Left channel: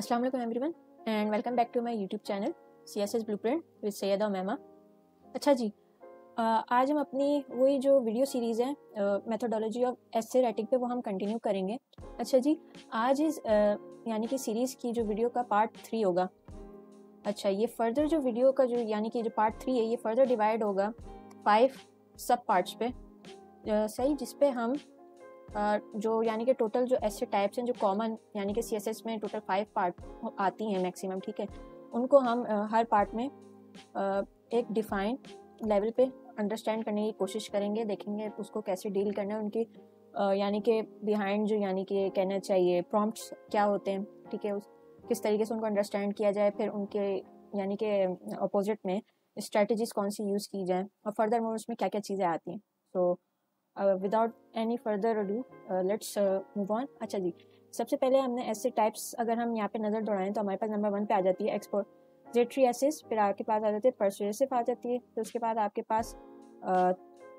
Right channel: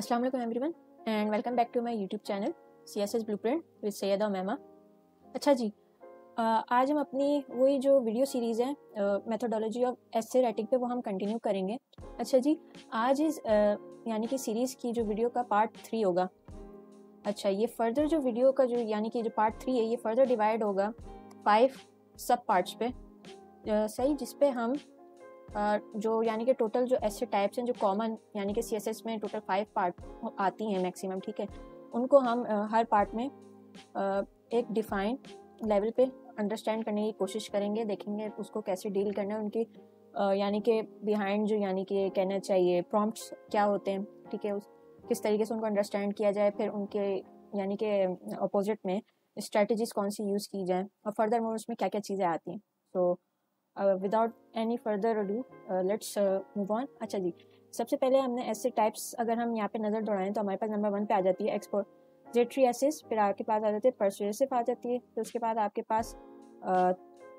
अस्सलाम वालेकुम everyone and welcome back to my YouTube channel CSS blueprint with Syeda Umaima. अच्छा जी, आज हम अपनी वही जो वीडियो सीरीज़ है मेथोडोलॉजी ऑफ एसे राइटिंग पे वो हम कंटिन्यू करेंगे। अच्छा जी, आज इस यानी कि सीरीज़ की जो वीडियो का पार्ट 3 होगा। अच्छा, ये फर्दर जो वीडियो का जो यानी कि जो पार्ट 3 है ये फर्दर डिवाइड होगा 5 सब पार्ट्स पे, सही, जिसपे हम जो यानी कि टोटल जो ऐसे टाइप्स हैं जो कॉमन यानी कि CSS में टोटल 5 पार्ट आती हैं मैक्सिमम, ठीक है, उनको हम हर पार्ट में एक डिफाइन लेवल पे अंडरस्टैंड करने की कोशिश करेंगे, देखेंगे उसको कैसे डील करना है, उनके यानी कि बिहाइंड जो यानी कि कहना चाहिए प्रॉम्प्ट्स क्या होते हैं, ठीक है, उस किस तरीके से उनको अंडरस्टैंड किया जाए, फिर उनके यानी कि अपोजिट में स्ट्रेटजीज कौन सी यूज़ की जाए और फर्दर मोर उसमें क्या क्या चीज़ें आती हैं। तो without any further ado let's move on. अच्छा जी, सबसे पहले हमने ऐसे टाइप्स अगर हम यहाँ पे नज़र दौड़ाएं तो हमारे पास नंबर 1 पे आ जाती है एक्सपोजिटरी एसेस, फिर आपके पास आ जाते हैं पर्सुएसिव आ जाती है, फिर उसके बाद आपके पास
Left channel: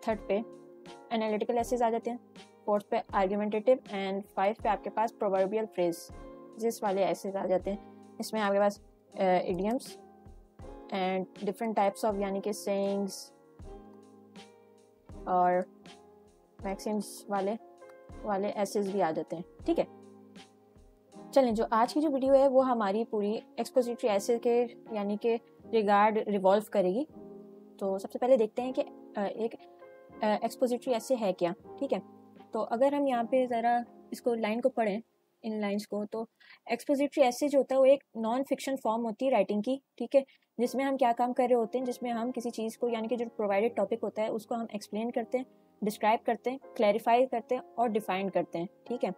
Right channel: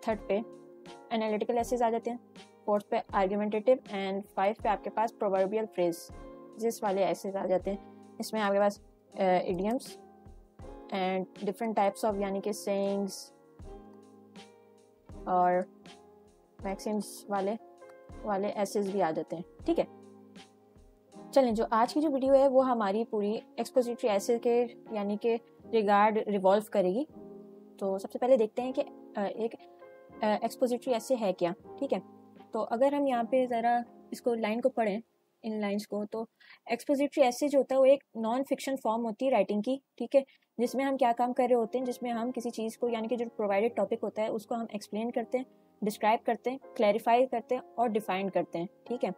थर्ड पे एनालिटिकल एसेस आ जाते हैं, फोर्थ पे आर्गुमेंटेटिव एंड 5 पे आपके पास प्रोवर्बियल फ्रेज जिस वाले एसेस आ जाते हैं। इसमें आपके पास idioms and different types of यानी कि सेइंग्स और मैक्सिम्स वाले एसेस भी आ जाते हैं, ठीक है। चलें, जो आज की जो वीडियो है वो हमारी पूरी एक्सपोजिटरी एसे के यानी कि रिगार्ड रिवॉल्व करेगी। तो सबसे पहले देखते हैं कि एक एक्सपोजिटरी एसे है क्या, ठीक है। तो अगर हम यहाँ पे ज़रा इसको लाइन को पढ़ें, इन लाइंस को, तो एक्सपोजिटरी एसे जो होता है वो एक नॉन फिक्शन फॉर्म होती है राइटिंग की, ठीक है, जिसमें हम क्या काम कर रहे होते हैं, जिसमें हम किसी चीज़ को यानी कि जो प्रोवाइडेड टॉपिक होता है उसको हम एक्सप्लेन करते हैं, डिस्क्राइब करते हैं, क्लैरिफाई करते हैं और डिफाइन करते हैं, ठीक है,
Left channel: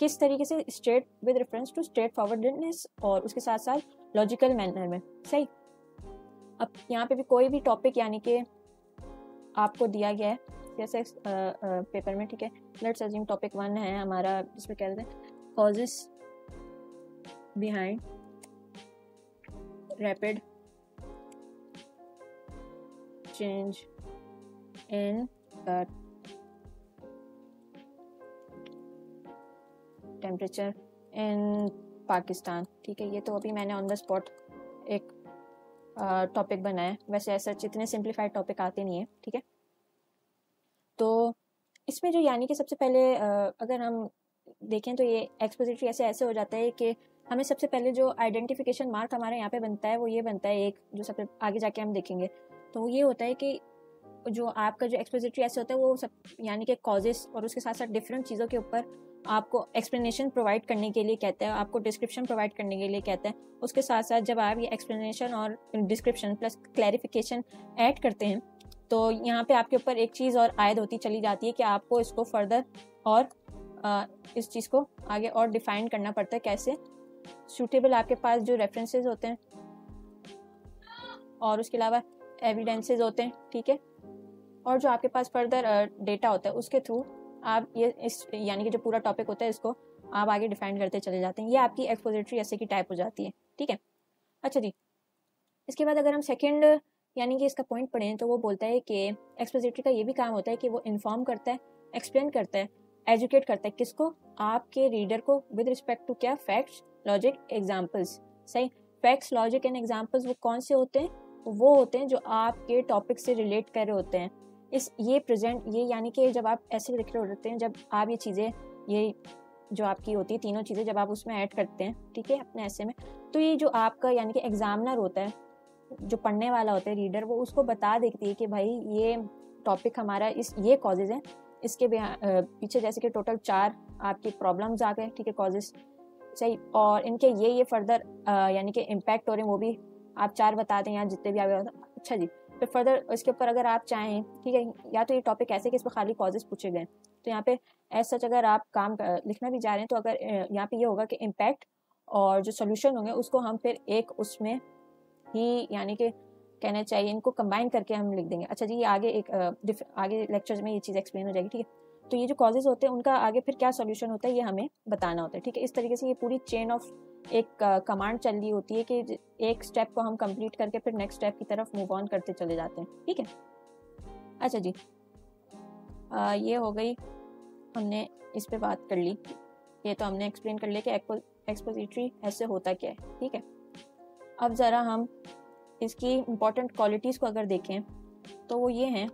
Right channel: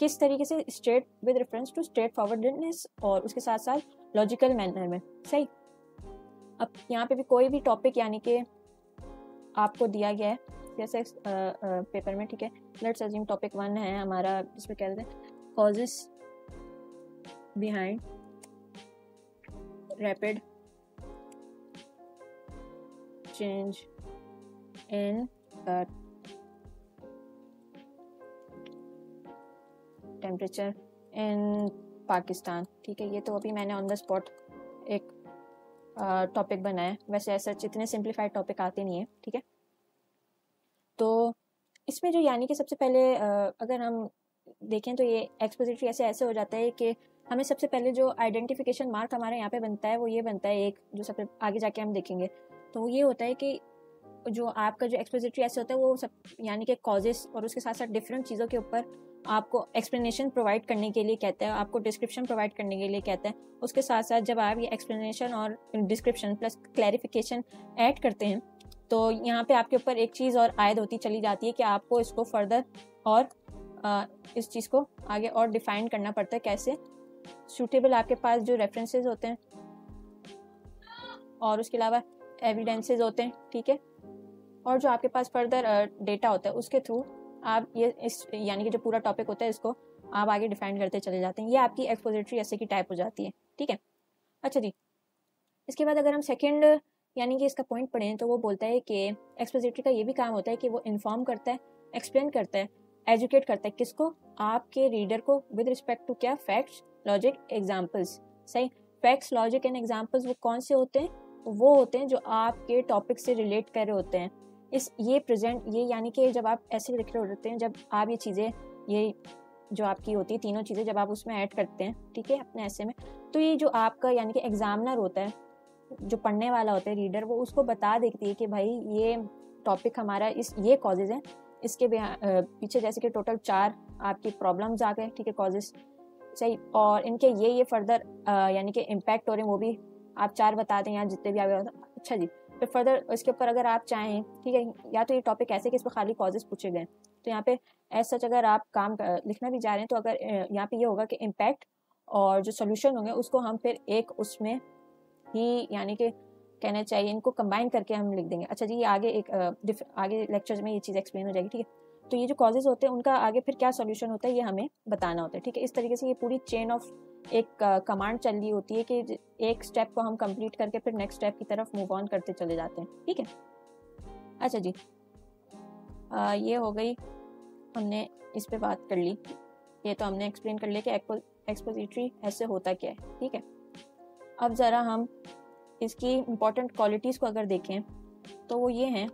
किस तरीके से straight with reference to straight forwardness और उसके साथ साथ लॉजिकल मैनर में, सही। अब यहाँ पे भी कोई भी टॉपिक यानी कि आपको दिया गया है जैसे पेपर में, ठीक है, लेट्स अज्यूम टॉपिक 1 है हमारा, जिसमें कहते हैं causes behind rapid change in temperature in Pakistan, ठीक है। ये तो अभी मैंने ऑन द स्पॉट एक टॉपिक बनाया, वैसे ऐसे जितने सिंप्लीफाइड टॉपिक आते नहीं है, ठीक है। तो इसमें जो यानी कि सबसे पहले अगर हम देखें तो ये एक्सपोजिटरी ऐसे हो जाता है कि हमें सबसे पहले जो आइडेंटिफिकेशन मार्क हमारे यहाँ पे बनता है वो ये बनता है, एक जो सबसे आगे जाके हम देखेंगे तो ये होता है कि जो आपका जो एक्सपोजिटरी ऐसे होता है वो सब यानी कि कॉजेस और उसके साथ साथ डिफरेंट चीज़ों के ऊपर आपको एक्सप्लेनेशन प्रोवाइड करने के लिए कहता है, आपको डिस्क्रिप्शन प्रोवाइड करने के लिए कहता है। उसके साथ साथ जब आप ये एक्सप्लेनेशन और डिस्क्रिप्शन प्लस क्लैरिफिकेशन ऐड करते हैं तो यहाँ पे आपके ऊपर एक चीज़ और आयद होती चली जाती है कि आपको इसको फर्दर और इस चीज़ को आगे और डिफाइन करना पड़ता है, कैसे सूटेबल आपके पास जो रेफरेंसेस होते हैं और उसके अलावा एविडेंसेस होते हैं, ठीक है, और जो आपके पास फर्दर डेटा होता है उसके थ्रू आप ये इस यानी कि जो पूरा टॉपिक होता है इसको आप आगे डिफाइन करते चले जाते हैं। ये आपकी एक्सपोजिटरी ऐसे की टाइप हो जाती है, ठीक है। अच्छा जी, इसके बाद अगर हम सेकेंड यानी कि इसका पॉइंट पढ़ें तो वो बोलता है कि एक्सपोजिटरी का ये भी काम होता है कि वो इन्फॉर्म करता है, एक्सप्लेन करता है, एजुकेट करता है, किसको, आपके रीडर को, विद रिस्पेक्ट टू क्या, फैक्ट्स, लॉजिक, एग्जाम्पल्स, सही। फैक्ट्स, लॉजिक एंड एग्जाम्पल्स वो कौन से होते हैं, तो वो होते हैं जो आपके टॉपिक से रिलेट कर रहे होते हैं। ये प्रेजेंट ये यानी कि जब आप ऐसे लिख रहे होते हैं, जब आप ये चीज़ें ये जो आपकी होती है तीनों चीज़ें जब आप उसमें ऐड करते हैं, ठीक है, अपने ऐसे में, तो ये जो आपका यानी कि एग्जामिनर होता है, जो पढ़ने वाला होता है रीडर, वो उसको बता देती है कि भाई ये टॉपिक हमारा इस ये कॉजेज है, इसके पीछे जैसे कि टोटल 4 आपके प्रॉब्लम्स आ गए, ठीक है, कॉजेज, सही, और इनके ये फर्दर यानी कि इम्पैक्ट हो रहे हैं वो भी आप 4 बता दें या जितने भी आ गए। अच्छा जी, फिर फर्दर इसके ऊपर अगर आप चाहें, ठीक है, या तो ये टॉपिक ऐसे कि इसमें खाली कॉजेज पूछे गए, तो यहाँ पे ऐसा अगर आप काम लिखना भी जा रहे हैं तो अगर यहाँ पे ये होगा कि इम्पैक्ट और जो सोल्यूशन होंगे उसको हम फिर एक उसमें ही यानी कि कहने चाहिए इनको कंबाइन करके हम लिख देंगे। अच्छा जी, ये आगे आगे लेक्चर्स में ये चीज़ एक्सप्लेन हो जाएगी, ठीक है। तो ये जो कॉजेज होते हैं उनका आगे फिर क्या सोल्यूशन होता है ये हमें बताना होता है, ठीक है। इस तरीके से ये पूरी चेन ऑफ एक कमांड चल रही होती है कि एक स्टेप को हम कंप्लीट करके फिर नेक्स्ट स्टेप की तरफ मूव ऑन करते चले जाते हैं, ठीक है। अच्छा जी, ये हो गई, हमने इस पे बात कर ली, ये तो हमने एक्सप्लेन कर लिया कि एक्सपोजिटरी ऐसे होता क्या है, ठीक है। अब ज़रा हम इसकी इम्पोर्टेंट क्वालिटीज़ को अगर देखें तो वो ये हैं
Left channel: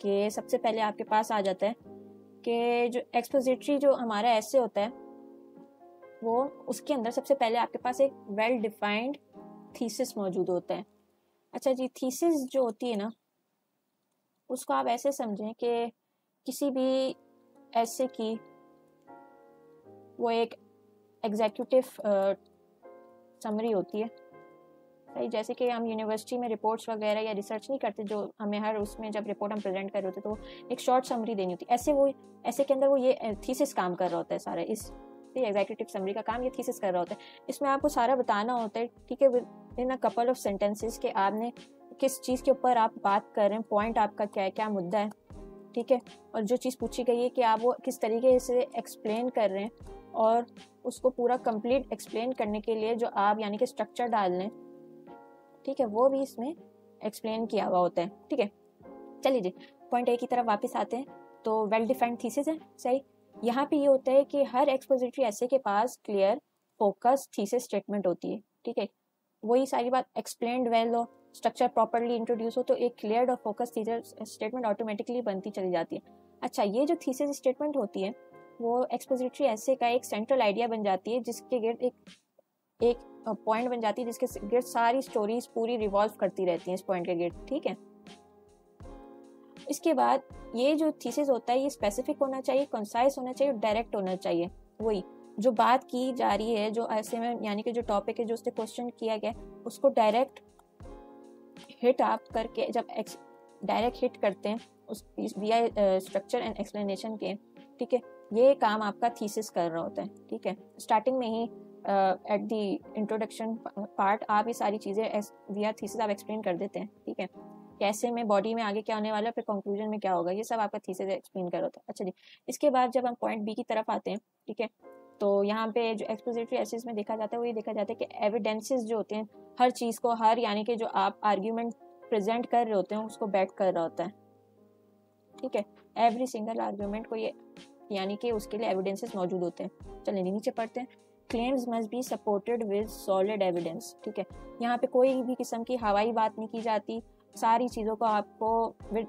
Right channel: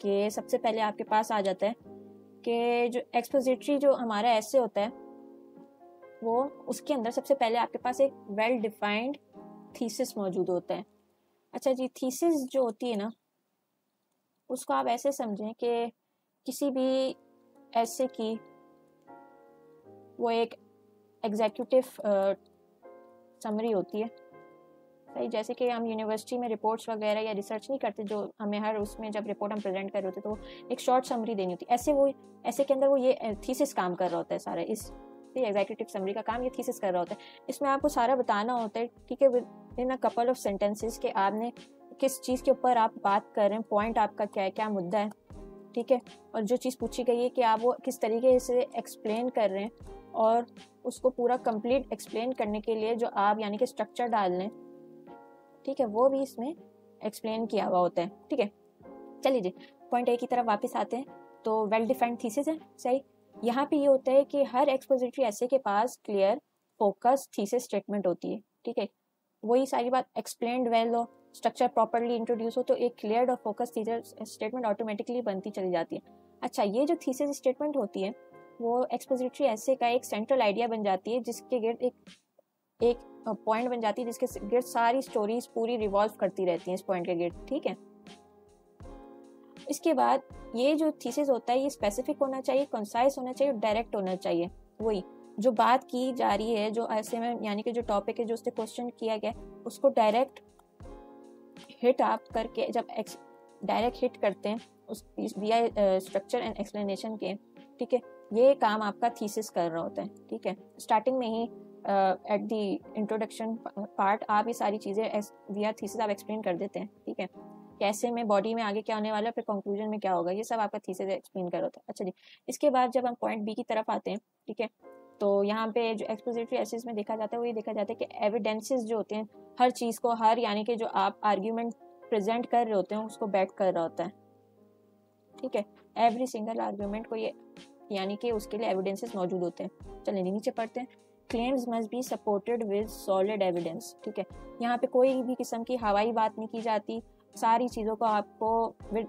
कि सबसे पहले आपके पास आ जाता है कि जो एक्सपोजिटरी जो हमारा ऐसे होता है वो उसके अंदर सबसे पहले आपके पास एक वेल डिफाइंड थीसिस मौजूद होता है। अच्छा जी, थीसिस जो होती है ना उसको आप ऐसे समझें कि किसी भी ऐसे की वो एक एग्जीक्यूटिव समरी होती है। जैसे कि हम यूनिवर्सिटी में रिपोर्ट्स वगैरह या रिसर्च नहीं करते, जो हमें हर उसमें जब रिपोर्ट हम प्रेजेंट कर रहे होते तो एक शॉर्ट समरी देनी होती है, ऐसे के अंदर वो ये थीसिस काम कर रहा होता है सारा। इस एग्जीक्यूटिव समरी का काम ये थीसिस कर रहा होता है। इसमें आपको सारा बताना होता है, ठीक है, with in a couple of sentences कि आपने किस चीज़ के ऊपर आप बात कर रहे हैं, पॉइंट आपका क्या है, क्या मुद्दा है, ठीक है, और जो चीज़ पूछी गई है कि आप वो किस तरीके से एक्सप्लेन कर रहे हैं, और उसको पूरा कंप्लीट एक्सप्लेन करने के लिए जो आप यानी कि स्ट्रक्चर डाल लें, ठीक है, वो भी इसमें एक्सप्लेन किया हुआ होता है, ठीक है। चलिए जी, पॉइंट ए की तरफ वापस आते हैं। तो वेल डिफाइंड थीसिस है, सही। यहाँ पे ये होता है कि हर एक्सपोजिटरी ऐसे के पास क्लियर फोकस थीसिस स्टेटमेंट होती है, ठीक है। वही सारी बात एक्सप्लेन्ड वेल और स्ट्रक्चर प्रॉपर्ली इंट्रोड्यूस हो तो एक क्लियर और फोकस थीसिस स्टेटमेंट ऑटोमेटिकली बनती चली जाती है। अच्छा, ये जो थीसिस स्टेटमेंट होती है वो एक्सपोजिटरी ऐसे का एक सेंट्रल आइडिया बन जाती है, जिसके गेट एक पॉइंट बन जाती है, जिसके गेट सारी स्टोरीज पूरी रिवॉल्व करती रहती हैं इस पॉइंट के गेट, ठीक है। इसके बाद ये जो थीसिस होता है ये स्पेसिफिक होना चाहिए, कंसाइज होना चाहिए, डायरेक्ट होना चाहिए। वही जो बात की जा रही है, जो ऐसे में यानी कि जो टॉपिक है, जो उससे क्वेश्चन किया गया, उसको डायरेक्ट हिट आप करके, जब डायरेक्ट हिट करते हैं उस विया स्ट्रक्चर एंड एक्सप्लेनेशन के, ठीक है, ये काम आपका थीसिस कर रहा होता है, ठीक है। स्टार्टिंग में ही एट द इंट्रोडक्शन पार्ट आप ये सारी चीज़ें विया थीसिस आप एक्सप्लेन कर देते हैं, ठीक है, कैसे में बॉडी में आगे क्या होने वाला है, फिर कंक्लूजन में क्या होगा, ये सब आपका थीसिस एक्सप्लेन कर होता है। अच्छा जी, इसके बाद जब हम पॉइंट बी की तरफ आते हैं, ठीक है, तो यहाँ पे जो एक्सपोजिटरी एसेस में देखा जाता है वो ये देखा जाता है कि एविडेंसेस जो होते हैं हर चीज़ को, हर यानी कि जो आप आर्ग्यूमेंट प्रेजेंट कर रहे होते हैं उसको बैक कर रहा होता है, ठीक है। एवरी सिंगल आर्ग्यूमेंट को ये यानी कि उसके लिए एविडेंसेस मौजूद होते हैं। चलिए नीचे पढ़ते हैं। Claims must be supported with solid evidence, ठीक है। यहाँ पे कोई भी किस्म की हवाई बात नहीं की जाती, सारी चीज़ों को आपको with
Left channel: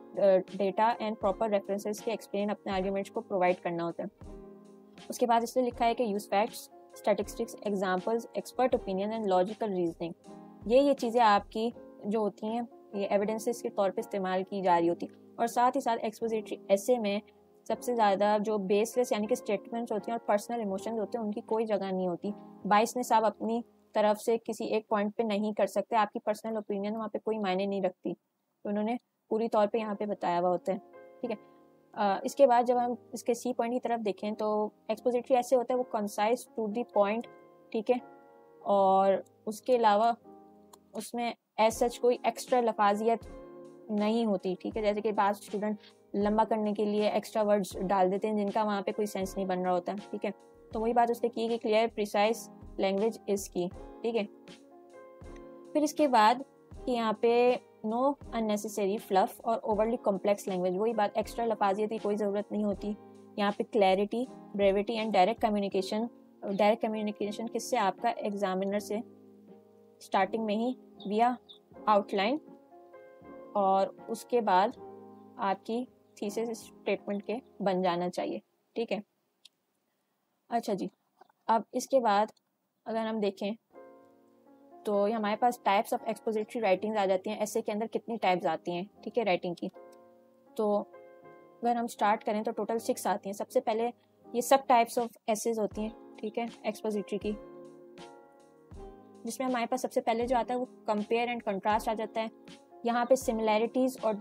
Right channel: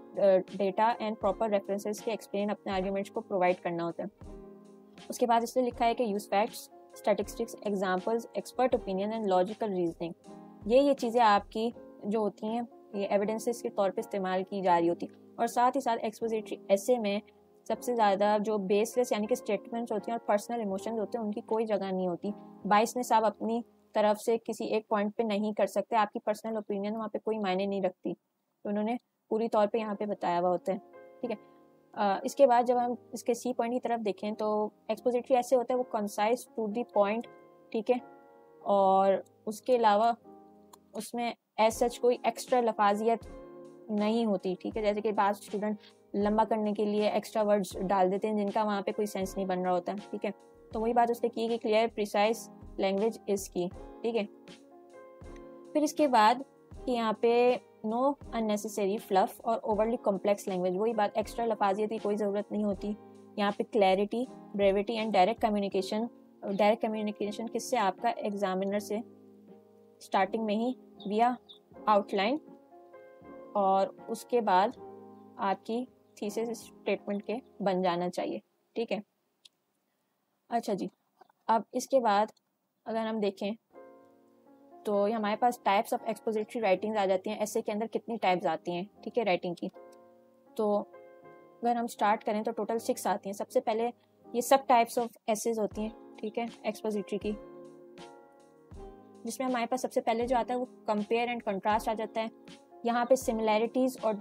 data and proper references के एक्सप्लेन अपने आर्ग्यूमेंट्स को प्रोवाइड करना होता है। उसके बाद इसमें लिखा है कि use facts, statistics, examples, expert opinion and logical reasoning. ये चीज़ें आपकी जो होती हैं ये एविडेंसेस के तौर पे इस्तेमाल की जा रही होती। और साथ ही साथ एक्सपोजिटरी ऐसे में सबसे ज़्यादा जो बेसलेस यानी कि स्टेटमेंट्स होती हैं और पर्सनल इमोशंस होते हैं उनकी कोई जगह नहीं होती। बाइसनेस आप अपनी तरफ से किसी एक पॉइंट पे नहीं कर सकते, आपकी पर्सनल ओपिनियन वहाँ पे कोई मायने नहीं रखती, उन्होंने पूरी तौर पे यहाँ पे बताया हुआ होता है, ठीक है। इसके बाद जब हम इसके सी पॉइंट की तरफ देखें तो एक्सपोजिटरी ऐसे होते हैं वो कंसाइज टू द पॉइंट, ठीक है, और उसके अलावा उसमें एज सच कोई एक्स्ट्रा लफाजियत नहीं होती, ठीक है। जैसे कि बाद स्टूडेंट लंबा करने के लिए एक्स्ट्रा वर्ड्स डाल देते हैं जिनका वहाँ पे कोई सेंस नहीं बन रहा होता है, ठीक है। तो वही बात उसने की कि क्लियर प्रिसाइज लैंग्वेज इज की, ठीक है। फिर इसके बाद यहाँ पे नो अननेसेसरी फ्लफ और ओवरली कॉम्प्लेक्स लैंग्वेज, वही बात एक्स्ट्रा लफाजियत की कोई ज़रूरत नहीं होती। यहाँ पे clarity, brevity and direct communication किससे, आपका एग्जामिनर से, स्टार्टिंग में ही विया आउटलाइन और उसके बाद आपकी थीसिस स्टेटमेंट के बन जाना चाहिए, ठीक है। अच्छा जी, अब इसके बाद अगर हम देखें तो ये हमारे पास टाइप्स ऑफ एक्सपोजिटरी राइटिंग आ जाती हैं। ऐसे के अंदर कितनी टाइप्स आती हैं, ठीक है, राइटिंग की। तो अगर हम स्टार्ट करें तो टोटल 6 आती हैं। सबसे पहले ये सब टाइप्स ऑफ एसेज होती हैं, ठीक है, एक्सपोजिटरी की, जिसमें हमारे पास सबसे पहले जो आता है वो कंपेयर एंड कंट्रास्ट आ जाते हैं। यहाँ पे सिमिलैरिटीज़ और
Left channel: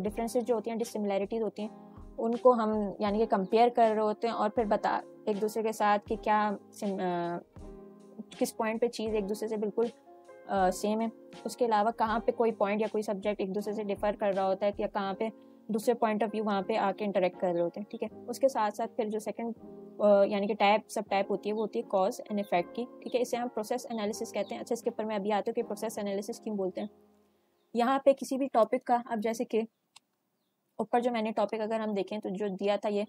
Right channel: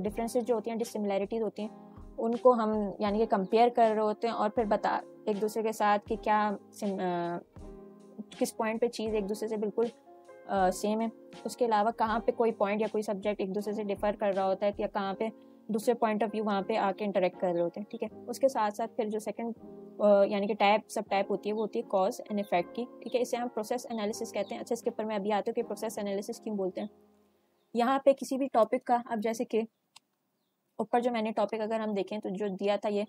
डिफरेंसेस जो होती हैं, डिससिमिलैरिटीज़ होती हैं, उनको हम यानी कि कंपेयर कर रहे होते हैं और फिर बता एक दूसरे के साथ कि क्या किस पॉइंट पे चीज़ एक दूसरे से बिल्कुल सेम है। उसके अलावा कहाँ पे कोई पॉइंट या कोई सब्जेक्ट एक दूसरे से डिफर कर रहा होता है या कहाँ पे दूसरे पॉइंट ऑफ व्यू वहाँ पे आके इंटरेक्ट कर रहे होते हैं, ठीक है। उसके साथ साथ फिर जो सेकंड यानी कि सब टाइप होती है वो होती है कॉज एंड इफेक्ट की, ठीक है। इसे हम प्रोसेस एनालिसिस कहते हैं। अच्छा, इसके ऊपर मैं अभी आती हूँ कि प्रोसेस एनालिसिस क्यों बोलते हैं। यहाँ पे किसी भी टॉपिक का, अब जैसे कि ऊपर जो मैंने टॉपिक अगर हम देखें तो जो दिया था ये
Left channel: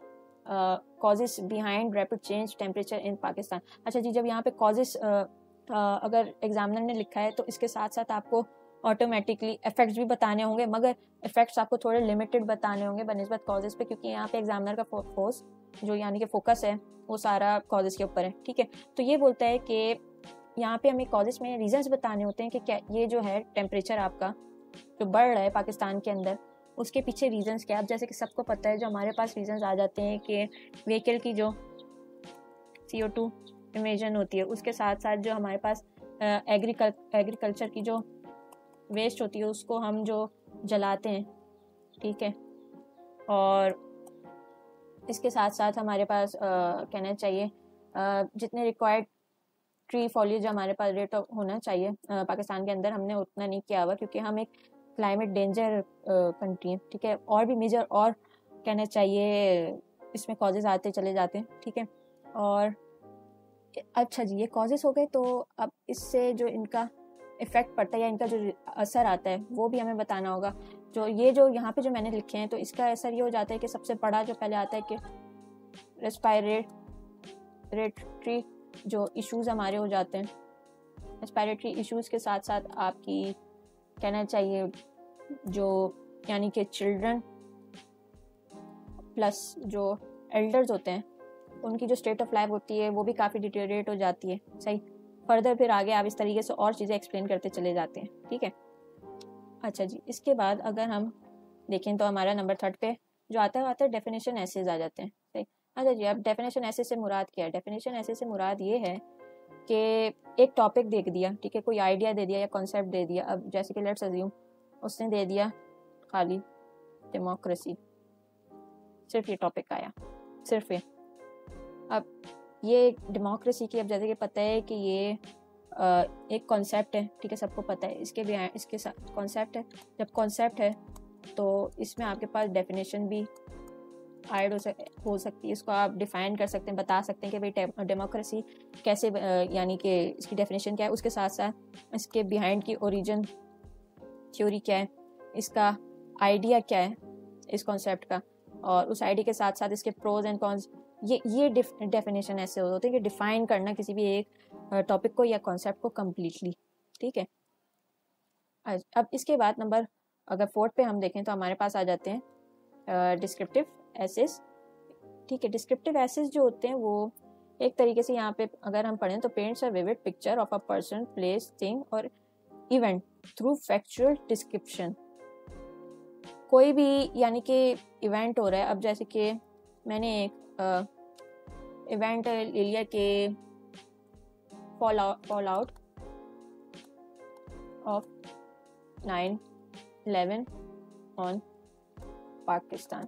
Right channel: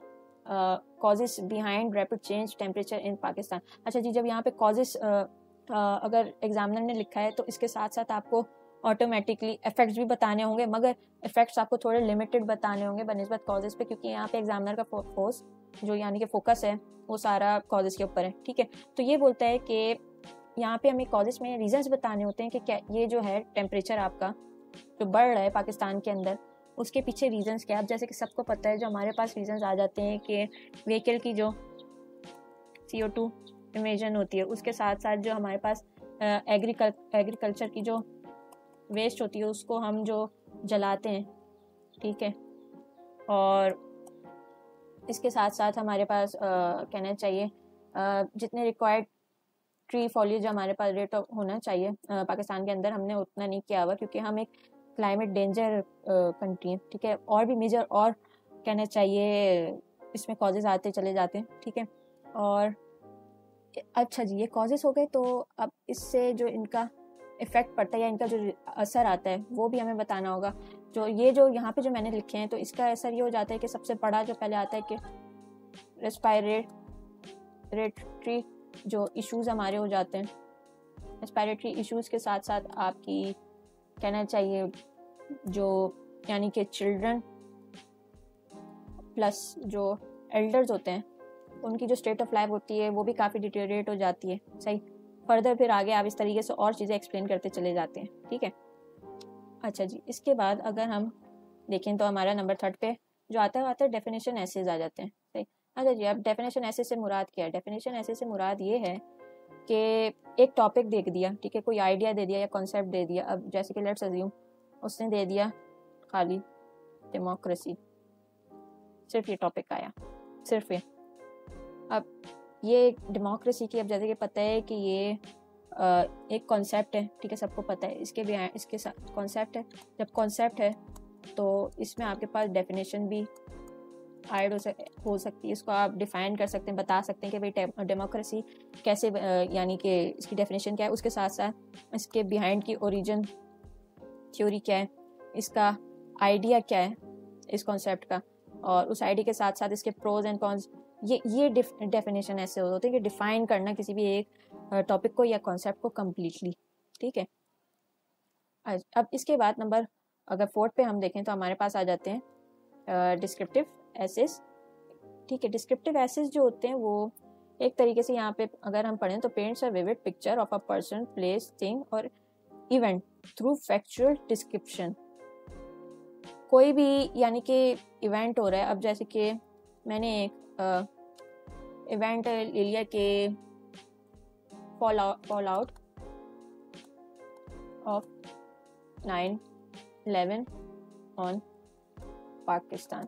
causes behind rapid change temperature in Pakistan. अच्छा जी, जब यहाँ पे कॉजेस अगर एग्जामिनर ने लिखा है तो इसके साथ साथ आपको ऑटोमेटिकली इफेक्ट्स भी बताने होंगे, मगर इफेक्ट्स आपको थोड़े लिमिटेड बताने होंगे बनिस्बत कॉजेस पे, क्योंकि यहाँ पे एग्जामिनर का फोकस जो यानी कि फोकस है वो सारा कॉजेस के ऊपर है। ठीक है, तो ये बोलता है कि यहाँ पे हमें कॉजेस में रीजंस बताने होते हैं कि क्या ये जो है टेम्परेचर आपका जो बढ़ रहा है पाकिस्तान के अंदर, उसके पीछे रीजंस क्या है। अब जैसे कि सबको पता है, जो हमारे पास रीजंस आ जाते हैं कि व्हीकल की जो CO2 इमिशन होती है, उसके साथ साथ जो हमारे पास एग्रीकल्चर की जो वेस्ट होती है उसको हम जो जलाते हैं, ठीक है, और इसके साथ साथ हमारे पास कहना चाहिए जितने रिक्वायर्ड ट्री फॉलिएज जो हमारे पास रेट होना चाहिए पाकिस्तान के अंदर, हमने उतना नहीं किया हुआ, क्योंकि हम एक क्लाइमेट डेंजर कंट्री है। ठीक है, और भी मेजर और कहना चाहिए इसमें कॉजेज आते चले जाते हैं। ठीक है, और अच्छा जी, ये कॉजेज हो गए, तो अब इससे जो इनका इफेक्ट पड़ता है या इनका जो असर आता है वो भी हमें बताना होगा। जो ये जो यहाँ पे जो मैंने लिखे हैं, तो इसका असर ये हो जाता है कि सबसे बड़ा जो पहले आता है कि रेस्पिरेटरी जो इश्यूज हमारे हो जाते हैं। रेस्पिरेटरी इश्यूज के साथ साथ आपकी कहना चाहिए जो यानी कि चिल्ड्रन प्लस जो एल्डर्स होते हैं, उनकी जो स्टेट ऑफ लाइफ होती है वो भी काफ़ी डिटेरिएट हो जाती है। सही, फर्दर फिर आगे आप इस तरीके से और चीज़ें एक्सप्लेन करते चले जाते हैं। ठीक है, अच्छा जी, इसके बाद अगर हम देखें तो हमारा नंबर 3 पे जो आता है डेफिनेशन एसेज आ जाते हैं। सही, अच्छा जी, अब डेफिनेशन एसेज से मुराद क्या है? डेफिनेशन एसेज से मुराद ये है कि एक टॉपिक दे दिया, ठीक है, कोई आइडिया दे दिया या कॉन्सेप्ट दे दिया। अब जैसे कि लेट्स अज्यूम उसने दे दिया खाली डेमोक्रेसी, सिर्फ ये टॉपिक आया, सिर्फ ये। अब ये डेमोक्रेसी की, अब जैसे कि पता है कि ये एक कॉन्सेप्ट है, ठीक है, सबको पता है, इसके भी इसके साथ कॉन्सेप्ट है। जब कॉन्सेप्ट है तो इसमें आपके पास डेफिनेशन भी हाइड हो सकती है, इसको आप डिफाइन कर सकते हैं, बता सकते हैं कि भाई डेमोक्रेसी कैसे यानी कि इसकी डेफिनेशन क्या है, उसके साथ साथ इसके बिहाइंड की ओरिजिन थ्योरी क्या है, इसका आइडिया क्या है इस कॉन्सेप्ट का, और उस आइडिया के साथ साथ इसके प्रोज एंड कॉन्स। ये डेफिनेशन ऐसे होते हैं कि डिफाइन करना किसी भी एक टॉपिक को या कॉन्सेप्ट को कम्प्लीटली। ठीक है, अब इसके बाद नंबर अगर 4 पे हम देखें तो हमारे पास आ जाते हैं डिस्क्रिप्टिव एसेस। ठीक है, डिस्क्रिप्टिव एसेस जो होते हैं वो एक तरीके से यहाँ पे अगर हम पढ़ें तो paints a vivid picture of a person, place, thing और इवेंट थ्रू फैक्चुअल डिस्क्रिप्शन। कोई भी यानी कि इवेंट हो रहा है, अब जैसे कि मैंने एक इवेंट ले लिया कि fall out of 9/11 on Pakistan.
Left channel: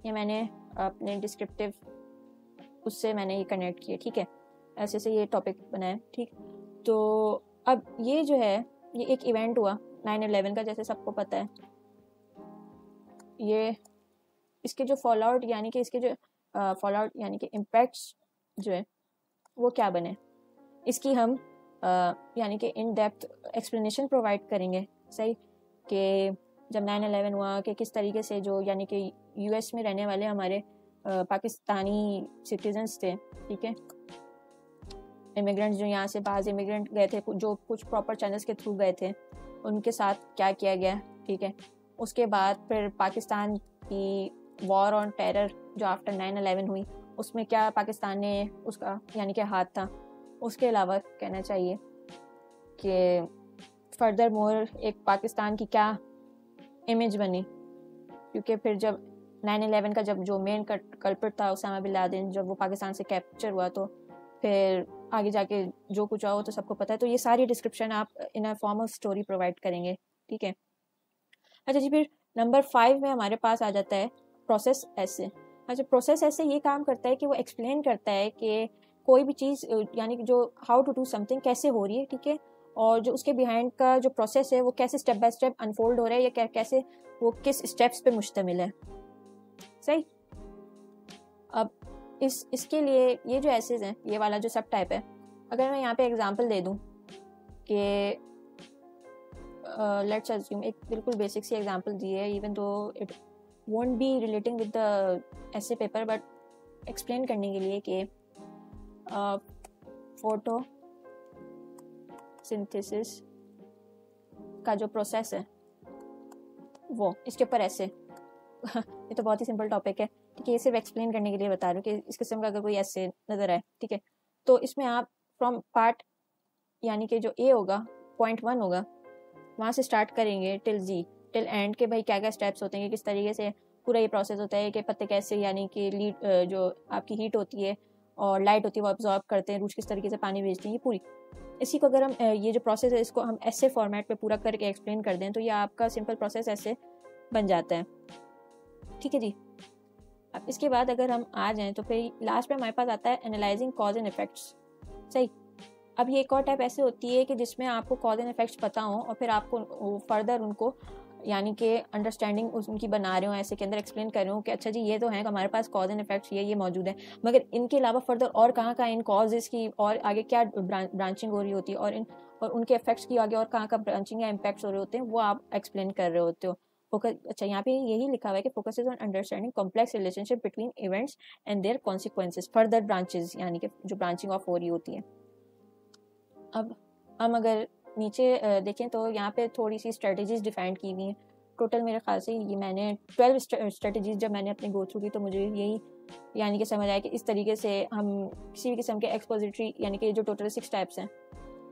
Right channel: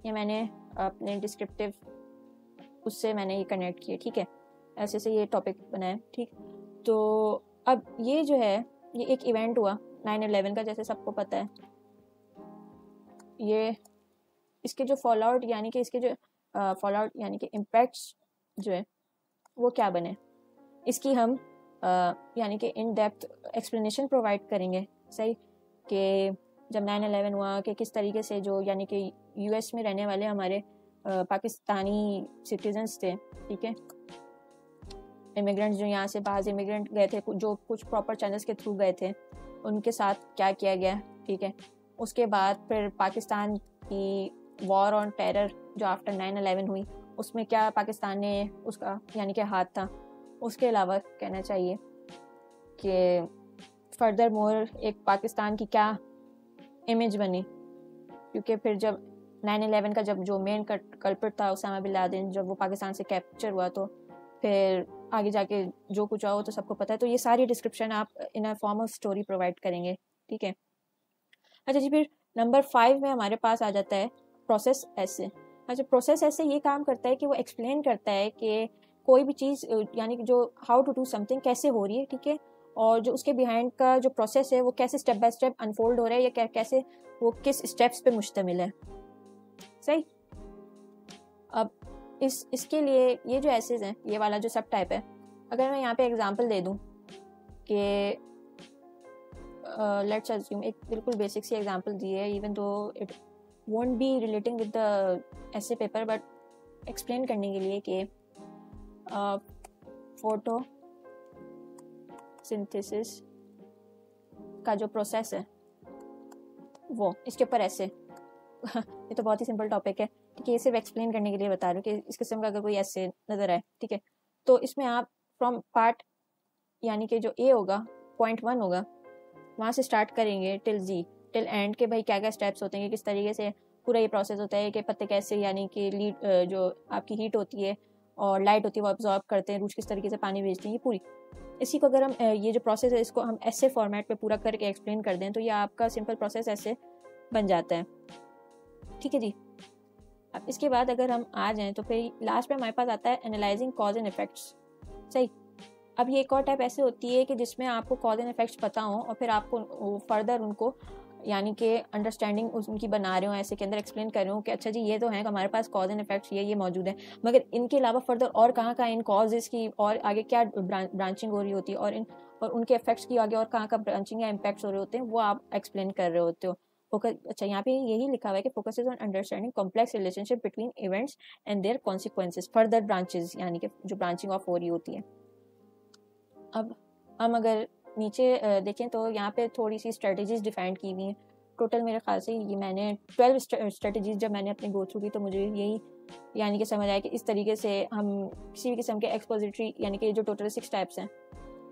ये मैंने अपने डिस्क्रिप्टिव उससे मैंने ये कनेक्ट किया। ठीक है, ऐसे से ये टॉपिक बनाया। ठीक, तो अब ये जो है ये एक इवेंट हुआ 9/11 का, जैसे सबको पता है। ये इसके जो फॉल आउट यानी कि इसके जो फॉल आउट यानी कि इम्पैक्ट्स जो है वो क्या बने, इसकी हम यानी कि इन डेप्थ एक्सप्लेनेशन प्रोवाइड करेंगे। सही, कि जब 9/11 हुआ कि किस तरीके से जो यानी कि US में रहने वाले हमारे पाकिस्तानी सिटीजन्स थे, ठीक है, इमिग्रेंट्स जो यहाँ से बाहर इमिग्रेंट गए थे, जो कुछ प्रॉपर चैनल्स के थ्रू गए थे, उनके साथ क्या किया गया। ठीक है, उसके बाद फिर पाकिस्तान की वॉर ऑन टेरर जो आफ्टर 9/11 हुई, उसमें क्या पाकिस्तान ने उसका यानी कि हाथ था। उसके अलावा कहना चाहिए कि फर्दर मोर एक पाकिस्तान की क्या इमेज बनी, क्योंकि फिर जब 9/11 का जब जो मेन कल्प्रिट था उसामा बिन लादेन, जब वो पाकिस्तान से कैप्चर हुआ तो फिर आगे जाके जो कुछ हुआ तो सबको पता है। तो ये सारी डिस्क्रिप्शन आप in a form of story provide करेंगे। ठीक है, अच्छा जी, फिर नंबर 5 में हमारे पास आ जाता है प्रोसेस ऐसे। अच्छा, प्रोसेस ऐसे ये काम करता है कि वो एक्सप्लेन करता है कि कोई भी चीज़ यानी कि जो हाउ टू डू समथिंग कैसे हो रही है, ठीक है, और जो उसके बिहाइंड का जो प्रोसेस है वो कैसे स्टेप बाय स्टेप अनफोल्ड हो रहा है या कैसे वो किस स्टेप्स पे मुश्तमिल है। सही, अब इसके लिए ये जो एसेज है, ये वाला जो सब टाइप है, अगर मैं यहाँ पे एग्जांपल दे दूँ कि लेट्स अस्यूम एक बिल्कुल बेसिक सी एग्जांपल दी है, even though it won't be relating with the ऐसे पेपर, बट एक्सप्लेन करने के लिए कि फोटो सिंथेसिस का जो प्रोसेस है वो इसके ऊपर ऐसे ये तो बहुत ही सिंपल टॉपिक है, ठीक है, ये सिर्फ एक्सप्लेन करने के लिए बता रहा हूँ कि इस किस्म का अगर कोई ऐसे नजर आए, ठीक है, तो इसमें आप फ्रॉम पार्ट यानी कि जो ए होगा, पॉइंट 1 होगा, वहाँ से स्टार्ट करेंगे टिल एंड के भाई क्या क्या स्टेप्स होते हैं, किस तरीके से पूरा ये प्रोसेस होता है कि पत्ते कैसे यानी कि लीड जो आपकी हीट होती है और लाइट होती है वो ऑब्जॉर्ब करते हैं, कुछ किस तरीके से पानी भेजते हैं, ये पूरी इसी को अगर हम ये जो प्रोसेस है इसको हम ऐसे फॉर्मेट में पूरा करके एक्सप्लेन कर दें तो ये आपका सिंपल प्रोसेस ऐसे बन जाता है, ठीक है जी। अब इसके बाद अगर हम आ जाएं तो फिर लास्ट में हमारे पास आता है एनालाइजिंग कॉज एंड इफेक्ट्स, सही। अब ये एक और टाइप ऐसे होती है कि जिसमें आपको कॉज एंड इफेक्ट्स पता हो और फिर आपको फर्दर उनको यानी कि अंडरस्टैंडिंग उनकी बना रहे हो, ऐसे के अंदर एक्सप्लेन कर रहे हो कि अच्छा जी ये तो है कि हमारे पास कॉज एंड इफेक्ट्स ये मौजूद है, मगर इनके अलावा फर्दर और कहाँ इन कॉजेज की और आगे क्या ब्रांचिंग हो रही होती है और उनके इफेक्ट्स की आगे और कहाँ ब्रांचिंग या इम्पैक्ट्स हो रहे होते हैं वो आप एक्सप्लेन कर रहे होते हो। अच्छा यहाँ पे यही लिखा हुआ है कि focuses on understanding complex relationship between events and their consequences further branches, यानी कि जो ब्रांचिंग ऑफ हो रही होती है। अब हम अगर नीचे देखें तो यहाँ पे थोड़ी सी स्ट्रेटजीज डिफाइन की हुई हैं, टोटल मेरे ख्याल से ये मैंने 12 स्ट्रेटजीज जब मैंने अपनी गो थ्रू की तो मुझे यही यानी कि समझ आया कि इस तरीके से हम किसी भी किस्म के एक्सपोजिटरी यानी कि जो टोटल 6 टाइप्स हैं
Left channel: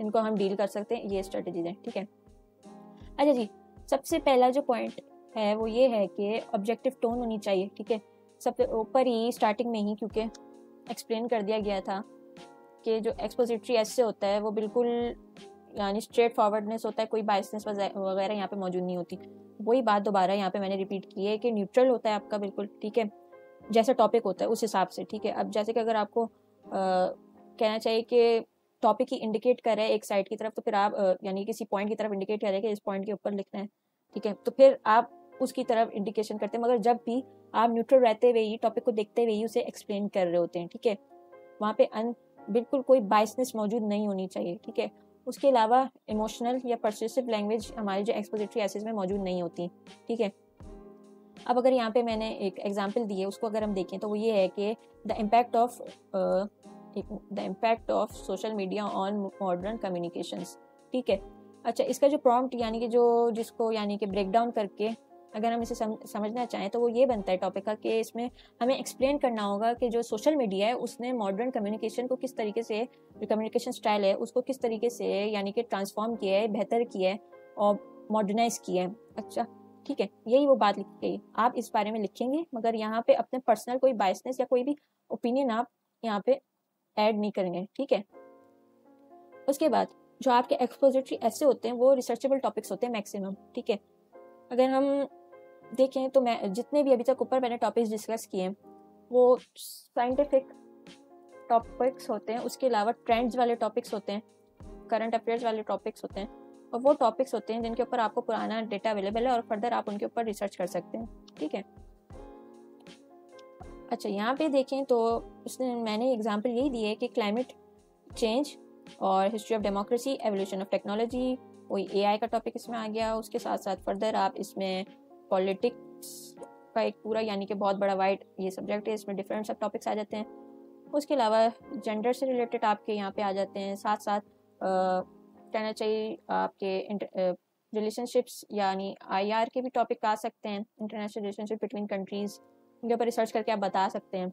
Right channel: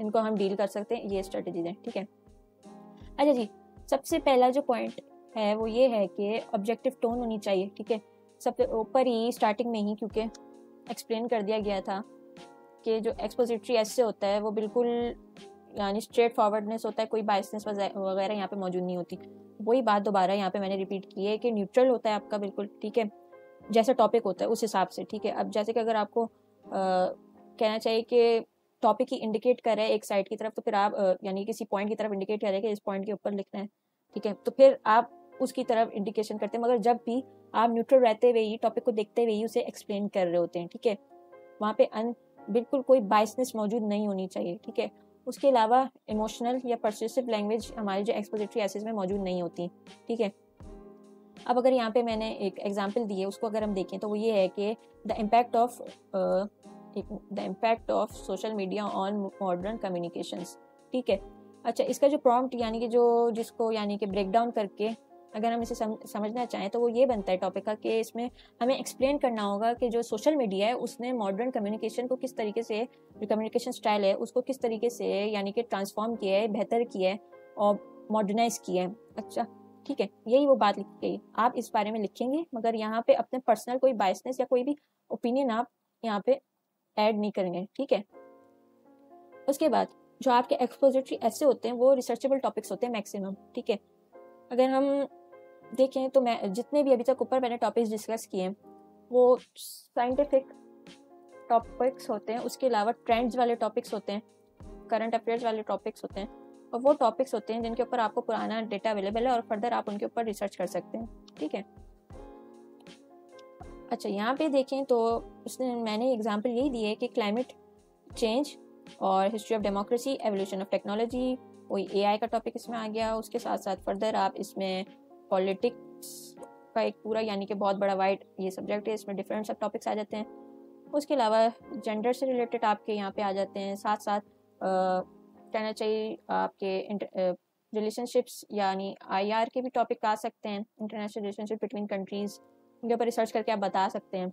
इनको हम डील कर सकते हैं, ये स्ट्रेटजीज हैं, ठीक है। अच्छा जी, सबसे पहला जो पॉइंट है वो ये है कि ऑब्जेक्टिव टोन होनी चाहिए, ठीक है। सबसे ऊपर ही स्टार्टिंग में ही क्योंकि एक्सप्लेन कर दिया गया था कि जो एक्सपोजिटरी ऐसे होता है वो बिल्कुल यानी स्ट्रेट फॉरवर्डनेस होता है, कोई बायसनेस वगैरह यहाँ पे मौजूद नहीं होती। वही बात दोबारा यहाँ पे मैंने रिपीट की है कि न्यूट्रल होता है आपका बिल्कुल, ठीक है, जैसा टॉपिक होता है उस हिसाब से, ठीक है। अब जैसे कि अगर आपको कहना चाहिए कि टॉपिक ही इंडिकेट कर रहे हैं एक साइड की तरफ तो फिर आप यानी किसी पॉइंट की तरफ इंडिकेट करें कि इस पॉइंट के ऊपर लिखना है, ठीक है, तो फिर आप उसकी तरफ इंडिकेशन करते हैं, मगर जब भी आप न्यूट्रल रहते हुए ही टॉपिक को देखते हुए ही उसे एक्सप्लेन कर रहे होते हैं, ठीक है। वहाँ पे बिल्कुल कोई बायसनेस मौजूद नहीं होनी चाहिए, ठीक है। उसके अलावा इमोशनल या पर्सुएसिव लैंग्वेज हमारी जो एक्सपोजिटरी एसेज में मौजूद नहीं होती, ठीक है। अब अगर यहाँ पे मैंने एक एग्जांपल दी है उसको अगर हम देखें तो वो ये है कि the impact of social media on modern communications, ठीक है। अच्छा, इसका जो प्रॉम्प्ट यानी कि जो जिसको यानी कि ब्रेक डाउन करके अगर हम इसे समझना चाहें तो वो ये बनता है टॉपिक का कि इसमें हमें एक्सप्लेन करना होगा कि जो सोशल मीडिया है उसने मॉडर्न कम्युनिकेशन को किस तरीके से, जो कम्युनिकेशन स्टाइल है उसको किस तरीके से यानी कि ट्रांसफॉर्म किया है, बेहतर किया है और मॉडर्नाइज किया है। अच्छा, ठीक है, यही वो बात लिखी गई, आप इस बारे में लिखेंगे मगर यहाँ पे अपने पर्सनल कोई बायसनेस या कोई भी ओपिनियन आप यहाँ पे ऐड नहीं करेंगे, ठीक है। उसके बाद जो आपके एक्सपोजिटरी ऐसे होते हैं वो रिसर्चेबल टॉपिक्स होते हैं मैक्सिमम, ठीक है। अगर हम देखें तो मैं जितने भी अभी तक ऊपर मैंने टॉपिक्स डिस्कस किए हैं वो साइंटिफिक टॉपिक्स होते हैं, उसके अलावा ट्रेंड्स वाले टॉपिक्स होते हैं, करंट अफेयर्स वाले टॉपिक्स होते हैं, और वो टॉपिक्स होते हैं जिनके ऊपर आपको पुराना डेटा अवेलेबल है और फर्दर आप उनके ऊपर रिसर्च कर सकते हैं, ठीक है। अच्छा, यहाँ पे देखें तो इसमें मैंने एग्जांपल ये दी है कि क्लाइमेट चेंज और history of democracy, evolution of technology, वही एआई का टॉपिक इसमें आ गया। उसके साथ साथ फर्दर आप इसमें पॉलिटिक्स पूरा यानी कि बहुत बड़ा वाइड ये सब्जेक्ट है, इसमें डिफरेंट सब टॉपिक्स आ जाते हैं। उसके अलावा जेंडर से रिलेटेड आपके यहाँ पे आ जाते हैं, साथ साथ कहना चाहिए आपके रिलेशनशिप्स यानी आईआर के भी टॉपिक आ सकते हैं, इंटरनेशनल रिलेशनशिप बिटवीन कंट्रीज, उनके ऊपर रिसर्च करके आप बता सकते हैं।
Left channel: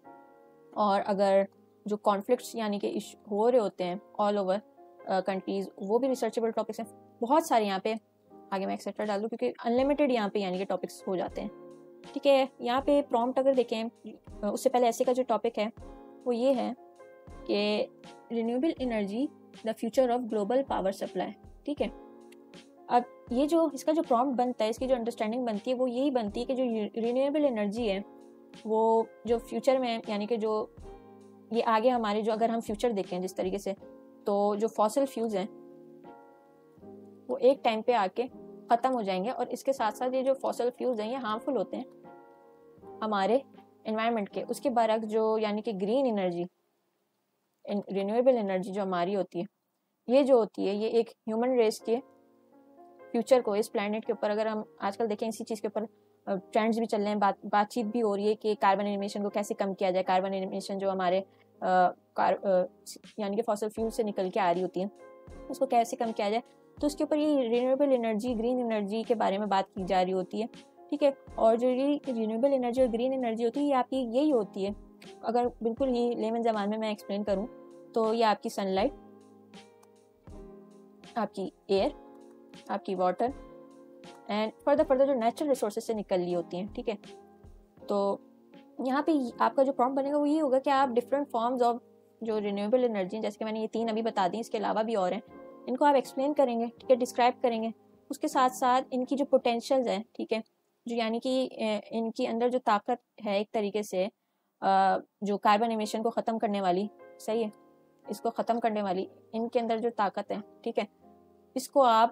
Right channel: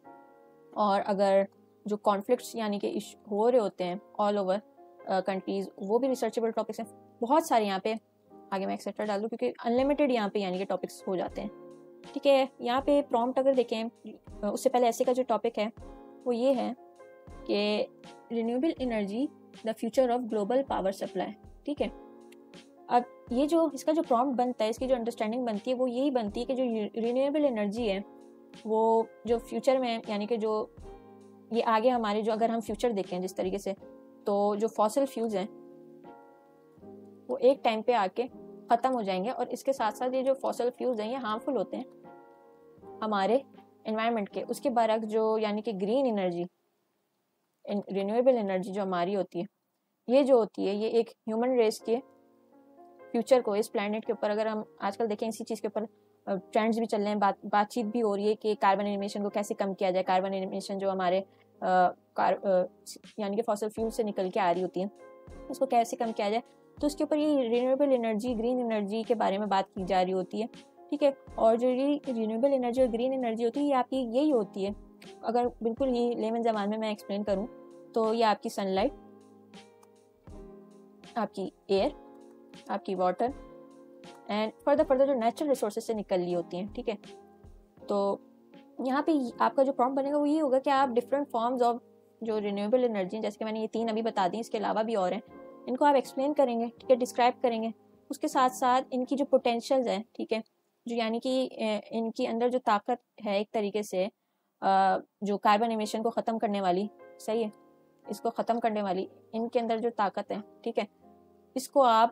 और अगर जो कॉन्फ्लिक्ट्स यानी कि हो रहे होते हैं ऑल ओवर कंट्रीज वो भी रिसर्चेबल टॉपिक्स हैं, बहुत सारे यहाँ पे आगे मैं एक्सेट्रा डाल दूँ क्योंकि अनलिमिटेड यहाँ पे यानी कि टॉपिक्स हो जाते हैं, ठीक है। यहाँ पे प्रॉम्प्ट अगर देखें उससे पहले ऐसे का जो टॉपिक है वो ये है कि renewable energy the future of global power supply, ठीक है। अब ये जो इसका जो प्रॉम्प्ट बनता है, इसकी जो अंडरस्टैंडिंग बनती है वो यही बनती है कि जो रिन्यूएबल एनर्जी है वो जो फ्यूचर में यानी कि जो ये आगे हमारे जो अगर हम फ्यूचर देखें जिस तरीके से, तो जो फॉसिल फ्यूल्स हैं वो एक टाइम पे आके ख़त्म हो जाएंगे और इसके साथ साथ ये जो फॉसिल फ्यूल्स हैं ये हार्मफुल होते हैं हमारे एनवायरनमेंट के। उसके बाद जो यानी कि ग्रीन एनर्जी, रिन्यूएबल एनर्जी जो हमारी होती है, ये जो होती है ये एक ह्यूमन रेस की फ्यूचर को इस प्लैनेट के ऊपर अगर हम आजकल देखें इसी चीज़ के ऊपर ट्रेंड्स भी चल रहे हैं, बातचीत भी हो रही है कि कार्बन एमिशन को कैसे कम किया जाए। कार्बन एमिशन जो हमारे यानी कि फॉसिल फ्यूल से निकल के आ रही होती है, उसको कैसे कम किया जाए। तो उसके ऊपर ये रिन्यूएबल एनर्जी, ग्रीन एनर्जी के बारे में बात की जा रही होती है, ठीक है। और जो ये रिन्यूएबल एनर्जी और ग्रीन एनर्जी होती है, ये आपकी यही होती है, अगर बिल्कुल ही लेमन ज़बान में मैं एक्सप्लेन करूँ तो ये आपकी सनलाइट, आपकी एयर, आपकी वाटर एंड फर्दर जो नेचुरल रिसोर्सेज से निकल रही होती हैं, ठीक है। तो यहाँ पे आपका जो प्रॉम्प्ट बनेगा वो ये होगा कि आप डिफरेंट फॉर्म्स ऑफ जो रिन्यूएबल एनर्जी, जैसे कि मैंने ये 3 अभी बता दी, इसके अलावा भी और हैं, इनको आप एक्सप्लेन करेंगे, ठीक है, डिस्क्राइब करेंगे। उसके साथ साथ इनकी जो पोटेंशियल्स हैं, ठीक है, जो यानी कि इनके अंदर जो ताकत है एक तरीके से जो कार्बन एमिशन को ख़त्म करने वाली, सही है, इसको ख़त्म करने वाली इनके अंदर जो ताकत है, ठीक है, इसको आप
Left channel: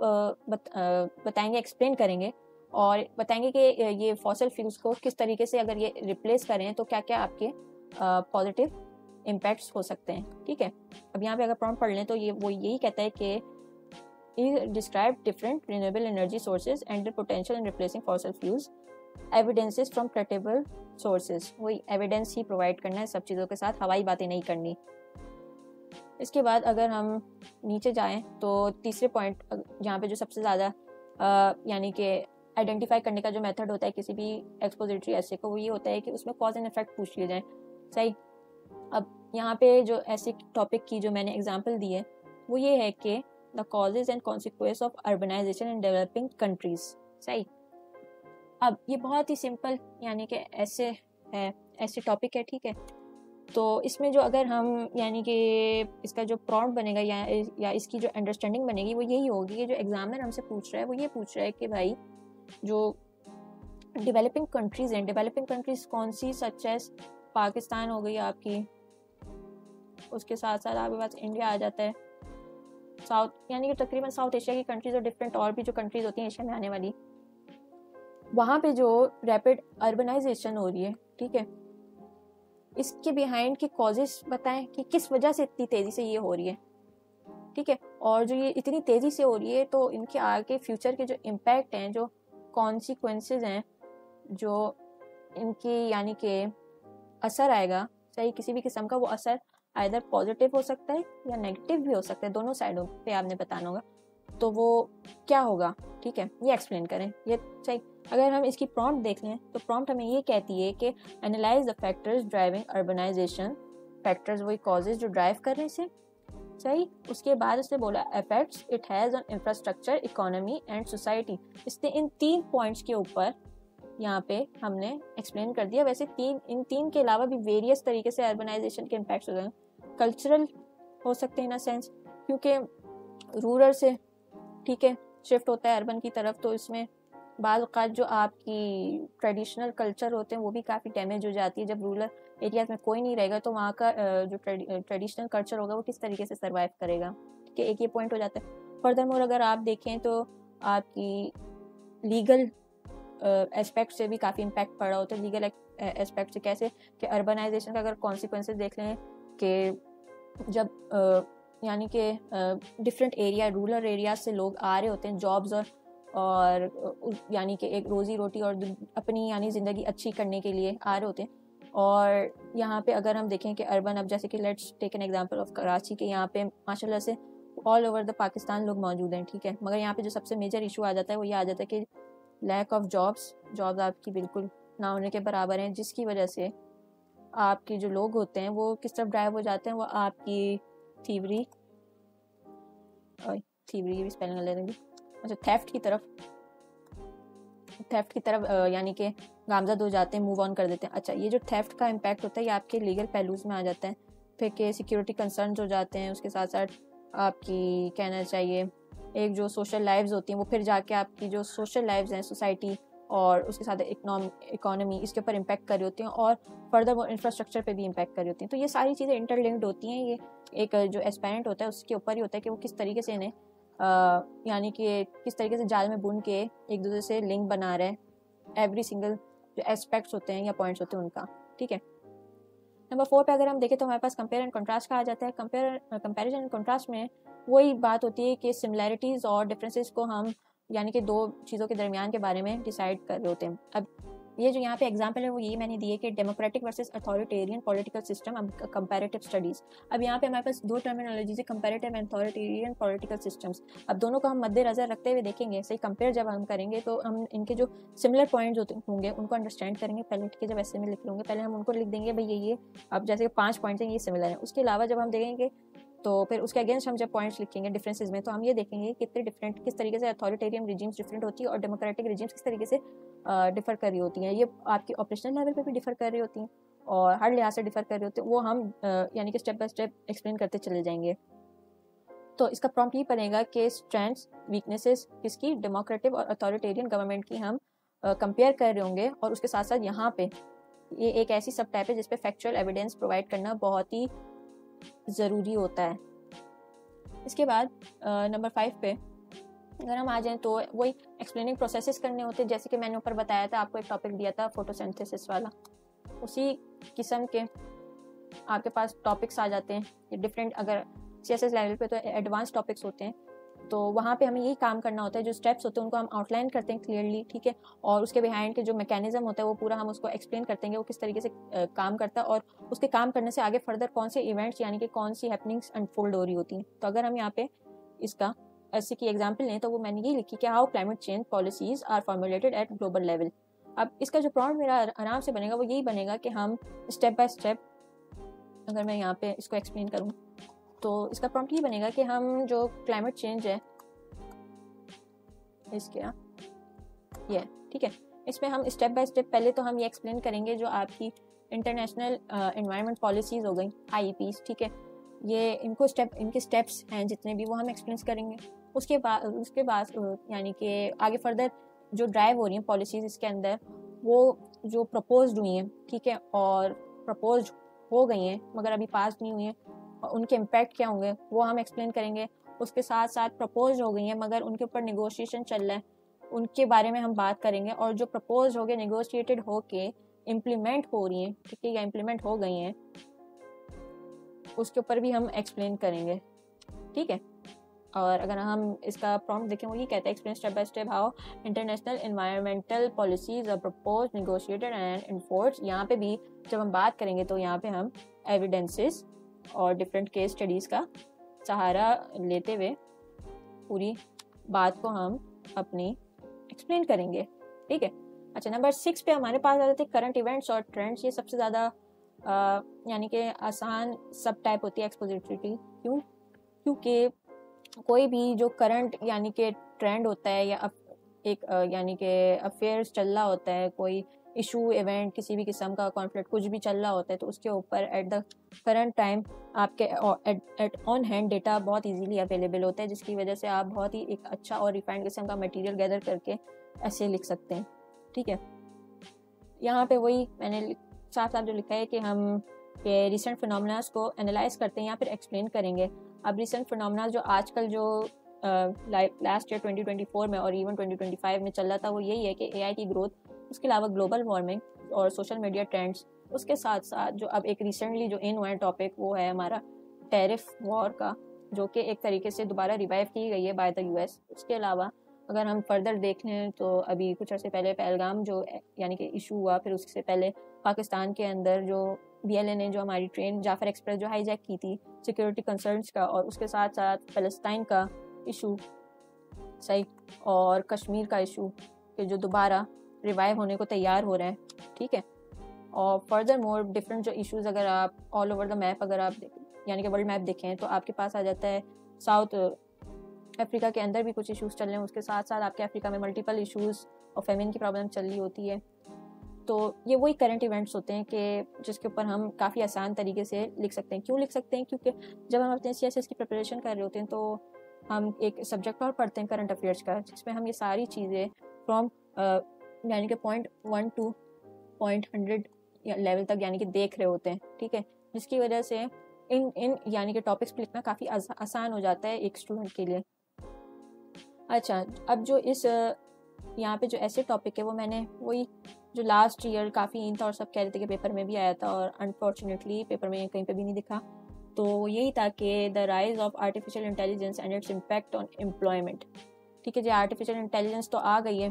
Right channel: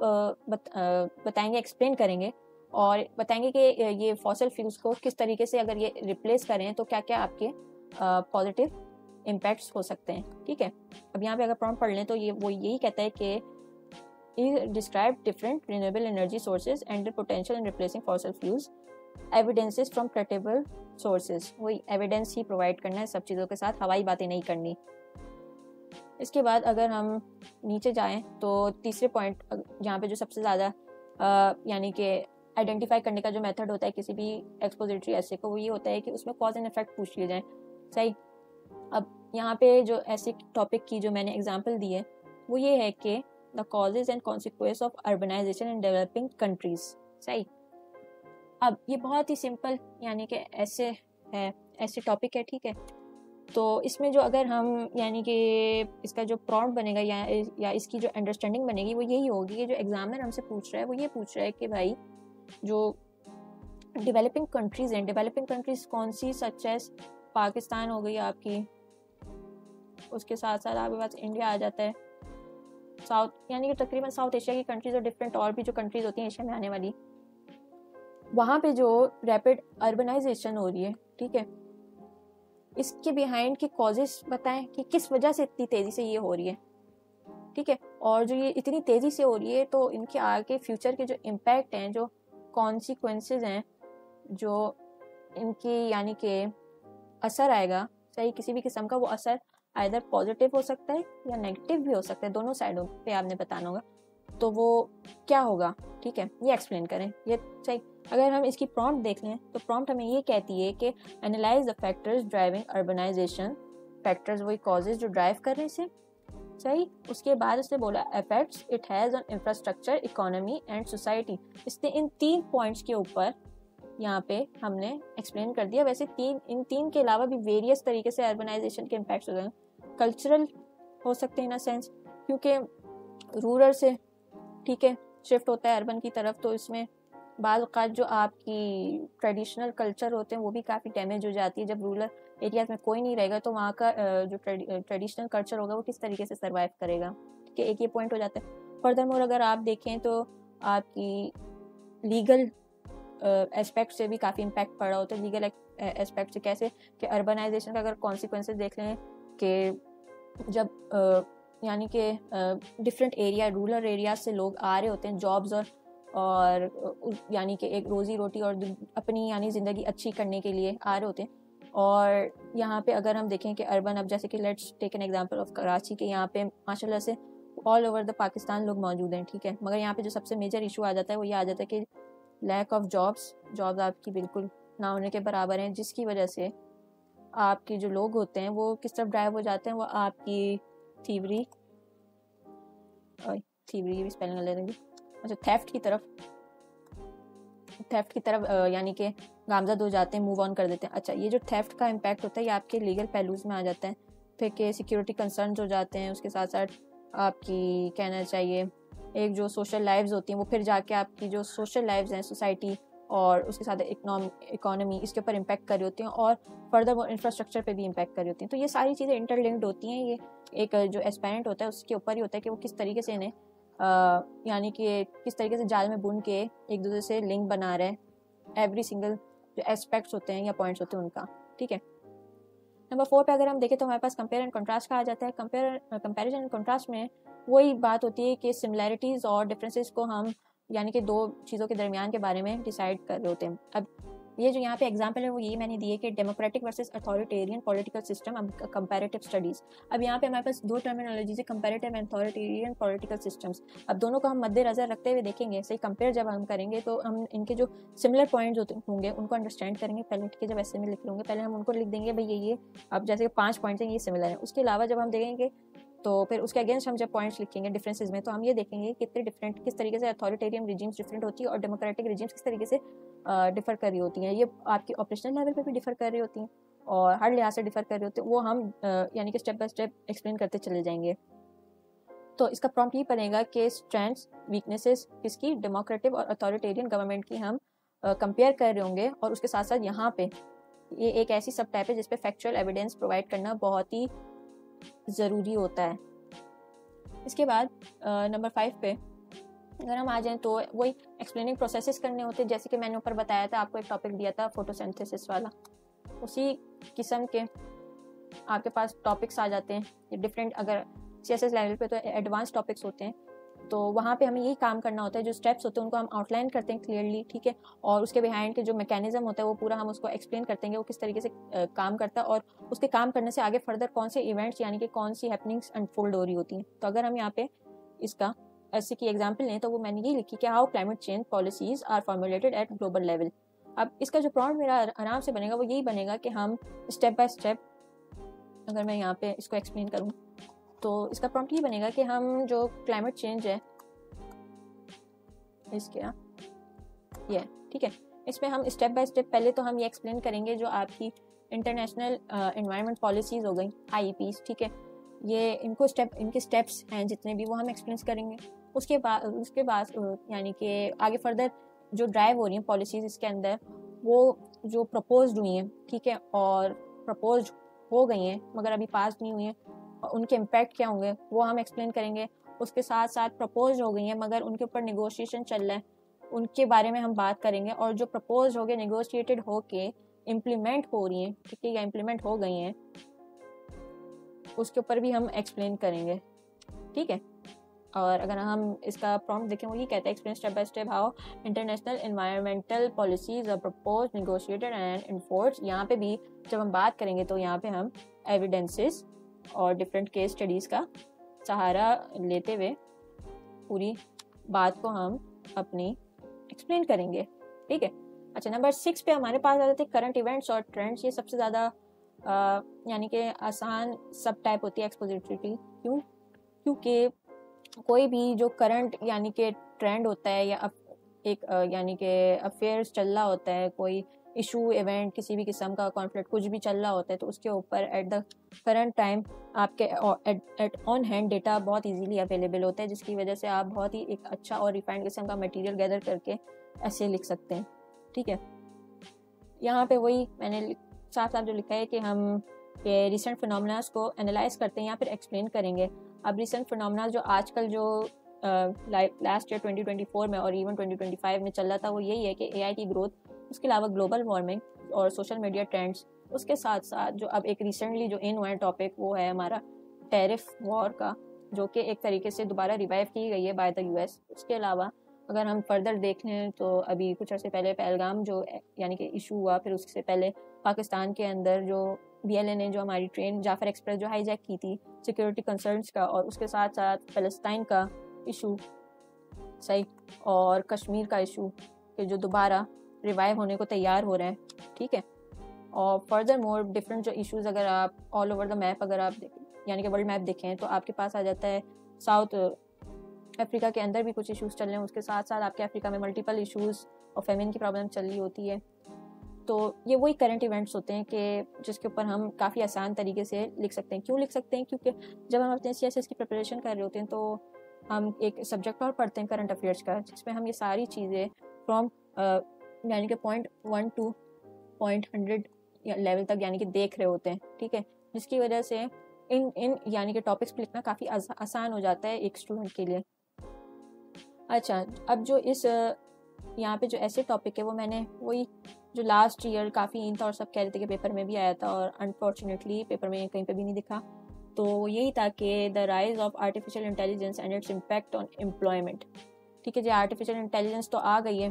बताएंगे, एक्सप्लेन करेंगे और बताएंगे कि ये फॉसिल फ्यूल्स को किस तरीके से अगर ये रिप्लेस करें तो क्या क्या आपके पॉजिटिव इम्पैक्ट्स हो सकते हैं, ठीक है। अब यहाँ पे अगर प्रॉम्प्ट पढ़ लें तो ये वो यही कहता है कि describe different renewable energy sources and the potential in replacing fossil fuels, evidences from credible sources. वही एविडेंस ही प्रोवाइड करना है सब चीज़ों के साथ, हवाई बातें नहीं करनी। इसके बाद अगर हम नीचे जाएं तो तीसरे पॉइंट, यहाँ पे जो सबसे ज़्यादा यानी कि आइडेंटिफाई करने का जो मेथड होता है किसी भी एक्सपोजिटरी ऐसे को, वो ये होता है कि उसमें कॉज एंड इफेक्ट पूछ लिए जाए, सही। अब यहाँ पे जो ऐसे टॉपिक की जो मैंने एग्जांपल दी है वो ये है कि the causes and consequence of urbanisation in developing countries, सही। अब ये बहुत ही सिंपल यानी कि ऐसे टॉपिक है, ठीक है। तो इसमें जो अगर हम यानी कि इसका जो प्रॉम्प्ट बनेगा या इसकी जो अंडरस्टैंडिंग बनेगी वो यही होगी कि जो एग्जामिनर हमसे पूछ रहा है वो ये पूछ रहा है कि भाई जो डेवलपिंग कंट्रीज हैं, डेवलपिंग कंट्रीज कौन सी, सच एज पाकिस्तान हो गई आपकी, उसके साथ साथ आपके पास इंडिया आ जाता है, साउथ यानी कि तकरीबन साउथ एशिया की कंट्रीज और डिफरेंट और भी जो कंट्रीज होती हैं एशिया में आने वाली, वहाँ पे जो रैपिड अर्बनाइजेशन हो रही है, ठीक है, इसके बिहाइंड के कॉजेस बताएं कि किस वजह से इतनी तेजी से ये हो रही है, ठीक है। और जो ये इतनी तेजी से हो रही है तो इनके आगे फ्यूचर के जो इम्पैक्ट हैं, जो कॉन्सिक्वेंसेज हैं, जो इनकी यानी कि असर आएगा, सही, किसी भी किस्म का वो असर आइदर पॉजिटिव हो सकता है या नेगेटिव भी हो सकता है, दोनों साइडों पे आपने बताना होगा, तो वो क्या होगा, ठीक है, ये एक्सप्लेन करें, ये सही। अगर हम इसकी प्रॉम्प्ट देख लें तो प्रॉम्प्ट हमें ये कहती है कि analyse the factors driving urbanisation, factors वही कॉजेज जो ड्राइव कर रहे हैं इसे, सही। उसके बाद उसने बोला effects it has on infrastructure, economy and society. इसने इन 3 पॉइंट्स के ऊपर यहाँ पे हमने एक्सप्लेन कर दिया। वैसे इन तीन के अलावा भी वेरियस तरीके से अर्बनाइजेशन के इम्पैक्ट्स होते हैं। कल्चरल हो सकते हैं इन अ सेंस, क्योंकि रूरल से, ठीक है, शिफ्ट होता है अर्बन की तरफ, तो इसमें बाल औक़ात जो आपकी ट्रेडिशनल कल्चर होते हैं वो भी काफ़ी डैमेज हो जाती है। जब रूरल एरियाज में कोई नहीं रहेगा तो वहाँ का जो ट्रेडिशनल कल्चर होगा वो किस तरीके से सर्वाइव करेगा, ठीक है, एक ये पॉइंट हो जाता है। फर्दरमोर अगर आप देखें तो आपकी लीगल एस्पेक्ट से भी काफ़ी इम्पैक्ट पड़ रहा हो, तो लीगल एस्पेक्ट से कैसे कि अर्बनाइजेशन का अगर कॉन्सिक्वेंसेस देख लें कि जब यानी कि डिफरेंट एरिया, रूरल एरिया से लोग आ रहे होते हैं जॉब्स और यानी कि एक रोज़ी रोटी और अपनी यानी ज़िंदगी अच्छी करने के लिए आ रहे होते हैं। और यहाँ पे अगर हम देखें कि अर्बन, अब जैसे कि let's take an example of Karachi, के यहाँ पे माशाल्लाह से ऑल ओवर द पाकिस्तान लोग मौजूद हैं, ठीक है, मगर यहाँ पे जो सबसे मेजर इशू आ जाता है वो ये आ जाता है कि लैक ऑफ जॉब्स आपकी बिल्कुल ना होने के बराबर हैं, जिसकी वजह से आपके जो लोग होते हैं वो किस तरफ ड्राइव हो जाते हैं, वो आपकी थीवरी भी स्पेलिंग ले देंगे, अच्छा, थेफ्ट की तरफ यानी कि नामजद हो जाते हैं, मूव ऑन कर देते हैं। अच्छा, ये जो थेफ्ट का इम्पैक्ट होता है ये आपके लीगल पहलूज में आ जाता है, फिर के सिक्योरिटी कंसर्न हो जाते हैं, उसके साथ साथ आपकी कहना चाहिए एक जो सोशल लाइव्स होती हैं वो फिर जाके आपकी जो सोशल लाइव्स है सोसाइटी और उसके साथ इकोनॉमी, इसके ऊपर इम्पैक्ट कर रही होती हैं और फर्दर वो इंफ्रास्ट्रक्चर पे भी इम्पैक्ट कर रही होती हैं। तो ये सारी चीज़ें इंटरलिंक्ड होती हैं। ये एक जो एस्पायरेंट होता है उसके ऊपर ही होता है कि वो किस तरीके से इन्हें यानी कि किस तरीके से जाल में बुन के एक दूसरे से लिंक बना रहे हैं, एवरी सिंगल जो एस्पेक्ट्स होते हैं या पॉइंट्स होते हैं उनका, ठीक है। नंबर 4 पे अगर हम देखें तो हमारे पास कंपेयर एंड कंट्रास्ट का आ जाता है। कंपैरिजन एंड कंट्रास्ट में वही बात होती है कि सिमिलैरिटीज़ और डिफरेंसेस को हम यानी कि दो चीज़ों के दरमियान के बारे में डिसाइड कर रहे होते हैं। अब ये जो यहाँ पे एग्जांपल है वो यही मैंने दी है कि democratic versus authoritarian political system, अब कंपैरेटिव स्टडीज। अब यहाँ पे हमारे पास दो टर्मिनोलॉजीज है, comparative and authoritarian political systems. अब दोनों को हम मद्देनजर रखते हुए देखेंगे, सही कंपेयर जब हम करेंगे तो हम इनके जो सिमिलर पॉइंट्स होंगे उनको अंडरस्टैंड करेंगे। पहले ठीक है, जब ऐसे में लिख लूँगे पहले हम उनको लिख देंगे भाई ये अब जैसे 5 पॉइंट्स हैं ये सिमिलर है। उसके अलावा जब हम देखेंगे तो फिर उसके अगेंस्ट हम जब पॉइंट्स लिखेंगे डिफरेंसेस में, तो हम ये देखेंगे कितने डिफरेंट, किस तरीके से अथॉरिटेरियन रिजीम्स डिफरेंट होती है और डेमोक्रेटिक रिजीम्स किस तरीके से डिफर कर रही होती है। ये आपकी ऑपरेशनल लेवल पे भी डिफर कर रही होती है और हर लिहाज से डिफर कर रही होती है। वो हम यानी कि स्टेप बाय स्टेप एक्सप्लेन करते चले जाएंगे। तो इसका प्रॉम्प्ट ये पड़ेगा कि स्ट्रेंथ्स वीकनेसेस किसकी, डेमोक्रेटिक और अथॉरिटेरियन गवर्नमेंट की हम कंपेयर कर रहे होंगे। और उसके साथ साथ यहाँ पे ये एक ऐसी सब टाइप है जिसपे फैक्चुअल एविडेंस प्रोवाइड करना बहुत ही ज़रूरी होता है। इसके बाद नंबर 5 पे अगर हम आ जाएं तो वही एक्सप्लेनिंग प्रोसेसेस करने होते हैं, जैसे कि मैंने ऊपर बताया था, आपको एक टॉपिक दिया था फोटोसिंथेसिस वाला। उसी किस्म के आपके पास टॉपिक्स आ जाते हैं डिफरेंट, अगर सीएसएस लेवल पे तो एडवांस टॉपिक्स होते हैं, तो वहाँ पे हमें यही काम करना होता है। जो स्टेप्स होते हैं उनको हम आउटलाइन करते हैं क्लियरली, ठीक है, और उसके बिहाइंड के जो मैकेनिज्म होता है वो पूरा हम उसको एक्सप्लेन करते हैं वो किस तरीके से काम करता है और उसके काम करने से आगे फर्दर कौन से इवेंट्स यानी कि कौन सी हैपनिंग्स अनफोल्ड हो रही होती हैं। तो अगर हम यहाँ पे इसका ऐसे की एग्जाम्पल लें तो वो मैंने ये लिखी कि how climate change policies are formulated at global level. अब इसका जो प्रॉम्प्ट मेरा आराम से बनेगा वो यही बनेगा कि हम स्टेप बाय स्टेप, अगर मैं यहाँ पे इसको एक्सप्लेन करूँ तो इसका प्रॉम्प्ट ये बनेगा कि हम जो क्लाइमेट चेंज है इसके ये ठीक है, इसमें हम स्टेप बाय स्टेप पहले तो हम ये एक्सप्लेन करेंगे जो आपकी इंटरनेशनल एनवायरनमेंट पॉलिसीज हो गई IEPs, ठीक है, ये इनके स्टेप्स हैं जितने भी वो हम एक्सप्लेन करेंगे। उसके बाद यानी कि आगे फर्दर जो ड्राइव हो रही है पॉलिसीज इसके अंदर वो जो प्रपोज्ड हुई है, ठीक है, और प्रपोज हो गई हैं मगर अभी पास नहीं हुई है, उनके इम्पैक्ट क्या होंगे वो हम एक्सप्लेन करेंगे। उसके साथ साथ प्रपोज हो गई हैं मगर उनके ऊपर नेगोशिएशन चल रहा है, उनके बारे में हम बात करेंगे। और जो प्रपोज हो गए, नेगोशिएटेड हो के इम्प्लीमेंट हो रही है, ठीक है, इम्प्लीमेंट हो गई हैं, उसके ऊपर भी हम एक्सप्लेन करेंगे, ठीक है। और अगर हम इसका प्रॉम्प्ट देखें वो ये कहता है explain step by step how international environmental policies और प्रपोज नेगोशिएटेड एंड एनफोर्स। यहाँ पे भी जब हम बात करेंगे तो यहाँ पे हम एविडेंसेस और डिफरेंट केस स्टडीज़ का सहारा लेते हुए पूरी बात को हम अपनी एक्सप्लेन करेंगे, ठीक है। अच्छा, नंबर 6 पे हमारे पास आ जाते हैं करंट इवेंट्स और ट्रेंड्स। ये सबसे ज़्यादा यानी कि आसान सब टाइप होती है एक्सपोजिटरी। क्योंकि कोई भी जो करंट यानी कि ट्रेंड होता है या एक यानी कि अफेयर्स चल रहा होता है, कोई इशू इवेंट किसी भी किस्म का कॉन्फ्लिक्ट कुछ भी चल रहा होता है, तो उसके ऊपर एट द करंट टाइम आपके एट ऑन हैंड डेटा बहुत इजीली अवेलेबल होता है, जिसकी वजह से आप बहुत ही एक अच्छा और रिफाइंड किस्म का मटेरियल गैदर करके ऐसे लिख सकते हैं, ठीक है। यहाँ पे वही मैंने साथ साथ जो लिखा है कि हम रिसेंट फिनोमेनास को एनालाइज करते हैं, यहाँ पर एक्सप्लेन करेंगे। अब रिसेंट फिनोमेना जो आजकल जो लास्ट ईयर 2024 में और इवन 2025 में चल रहा था वो यही है कि AI की ग्रोथ, उसके अलावा ग्लोबल वार्मिंग और सोशल मीडिया ट्रेंड्स, उसके साथ साथ जो अब एक रिसेंटली जो इन हुआ है टॉपिक वो है हमारा टैरिफ वॉर का, जो कि एक तरीके से दोबारा रिवाइव की गई है बाय द US। उसके अलावा अगर हम फर्दर देख लें तो अभी कुछ अर्से पहले पहलगाम जो यानी कि इशू हुआ, फिर उससे पहले पाकिस्तान के अंदर जो BLA ने जो हमारी ट्रेन जाफर एक्सप्रेस जो हाईजैक की थी, सिक्योरिटी कंसर्न्स का, और उसके साथ साथ फ़लस्तीन का इशू सही और कश्मीर का इशू जो दोबारा रिवाइव होने को तैयार हो रहा है, ठीक है। और फर्दर मोर डिफरेंट जो इश्यूज अगर आप ऑल ओवर द मैप अगर आप यानी कि वर्ल्ड मैप देखें तो आपके पास आ जाता है साउथ अफ्रीका के अंदर भी कुछ इश्यूज चल रहे हैं, उसके साथ साथ आपके अफ्रीका में मल्टीपल इश्यूज और फेमिन की प्रॉब्लम चल रही होती है। तो ये वही करंट इवेंट्स होते हैं कि जिसके ऊपर हम काफ़ी आसान तरीके से लिख सकते हैं। क्यों लिख सकते हैं? क्योंकि जब हम अपने CSS की प्रिपरेशन कर रहे होते हैं तो हम एक सब्जेक्ट और पढ़ते हैं करंट अफेयर्स का, जिसमें हम ये सारी चीज़ें फ्रॉम यानी कि पॉइंट 1 to पॉइंट 100 लेवल तक यानी कि देख रहे होते हैं, ठीक है। जिसकी वजह से इन यानी कि टॉपिक्स पे लिखना काफ़ी आसान हो जाता है एक स्टूडेंट के लिए। अच्छा, अब जो इस यहाँ पे जो ऐसे टॉपिक है वो मैंने वही जो लास्ट ईयर काफ़ी इन था और सब कह रहे थे कि पेपर में भी आया था और अनफॉर्चुनेटली पेपर में कहीं पे भी नहीं दिखा, तो यही था कि the rise of artificial intelligence and its impact on employment, ठीक है जी। आर्टिफिशियल इंटेलिजेंस तो आ गई है,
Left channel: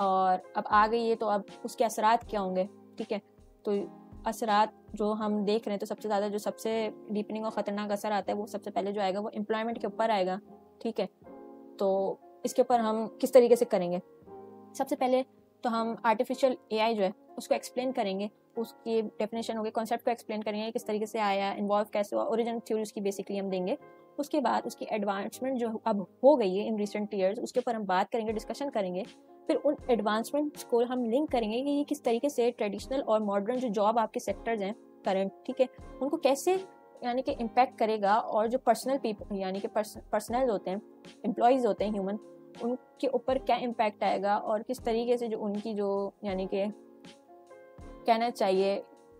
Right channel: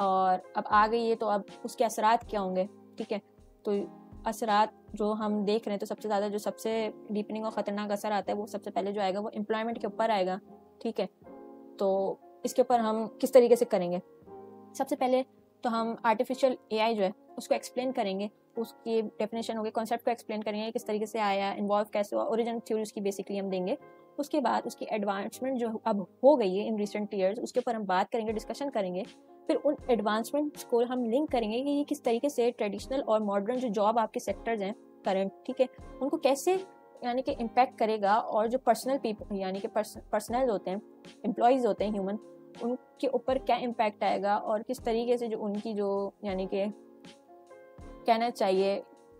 और अब आ गई है तो अब उसके असरात क्या होंगे, ठीक है। तो असरात जो हम देख रहे हैं, तो सबसे ज़्यादा जो सबसे डीपनिंग और ख़तरनाक असर आता है वो सबसे पहले जो आएगा वो एम्प्लॉयमेंट के ऊपर आएगा, ठीक है। तो इसके ऊपर हम किस तरीके से करेंगे, सबसे पहले तो हम आर्टिफिशियल एआई जो है उसको एक्सप्लेन करेंगे, उसकी डेफिनेशन होगी, कॉन्सेप्ट को एक्सप्लेन करेंगे, किस तरीके से आया, इन्वॉल्व कैसे हुआ, ओरिजिन थ्योरी उसकी बेसिकली हम देंगे। उसके बाद उसकी एडवांसमेंट जो अब हो गई है इन रिसेंट ईयर्स, उसके ऊपर हम बात करेंगे, डिस्कशन करेंगे। फिर उन एडवांसमेंट्स को हम लिंक करेंगे कि ये किस तरीके से ट्रेडिशनल और मॉडर्न जो जॉब आपके सेक्टर्स हैं करंट, ठीक है, उनको कैसे यानी कि इम्पैक्ट करेगा, और जो पर्सनल पीपल यानी कि पर्सनल होते हैं, एम्प्लॉयज़ होते हैं ह्यूमन, उनके ऊपर क्या इम्पैक्ट आएगा, और किस तरीके से जो उनकी जो यानी कि कहना चाहिए,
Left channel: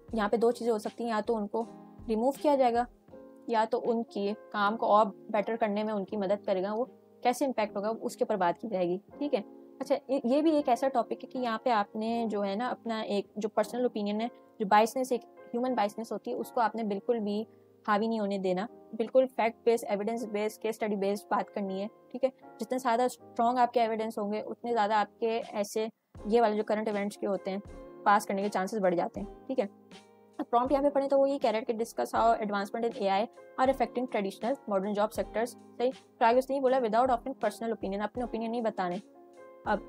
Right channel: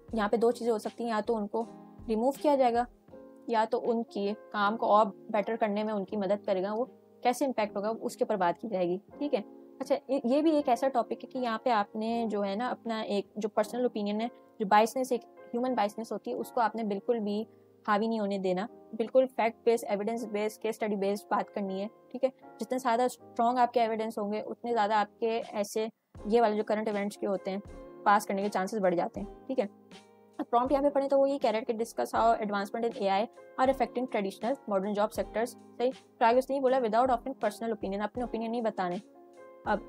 यहाँ पे दो चीज़ें हो सकती हैं, या तो उनको रिमूव किया जाएगा या तो उनकी काम को और बेटर करने में उनकी मदद करेगा, वो कैसे इम्पैक्ट होगा उसके ऊपर बात की जाएगी, ठीक है। अच्छा, ये भी एक ऐसा टॉपिक है कि यहाँ पे आपने जो है ना अपना एक जो पर्सनल ओपिनियन है, जो बायसनेस, एक ह्यूमन बायसनेस होती है, उसको आपने बिल्कुल भी हावी नहीं होने देना, बिल्कुल fact based, evidence based, case study based बात करनी है, ठीक है। जितने ज़्यादा स्ट्रॉन्ग आपके एविडेंस होंगे उतने ज़्यादा आपके ऐसे ये वाले जो करंट इवेंट्स के होते हैं पास करने के चांसेस बढ़ जाते हैं, ठीक है। अब प्रॉम्प्ट यहाँ पे पढ़े तो वो ये कह रहे हैं कि discuss how advancement in AI are affecting traditional modern job sectors, सही। तो आगे उसने बोला विदाउट ऑफरिंग पर्सनल ओपिनियन, अपने ओपिनियन नहीं बताने। अब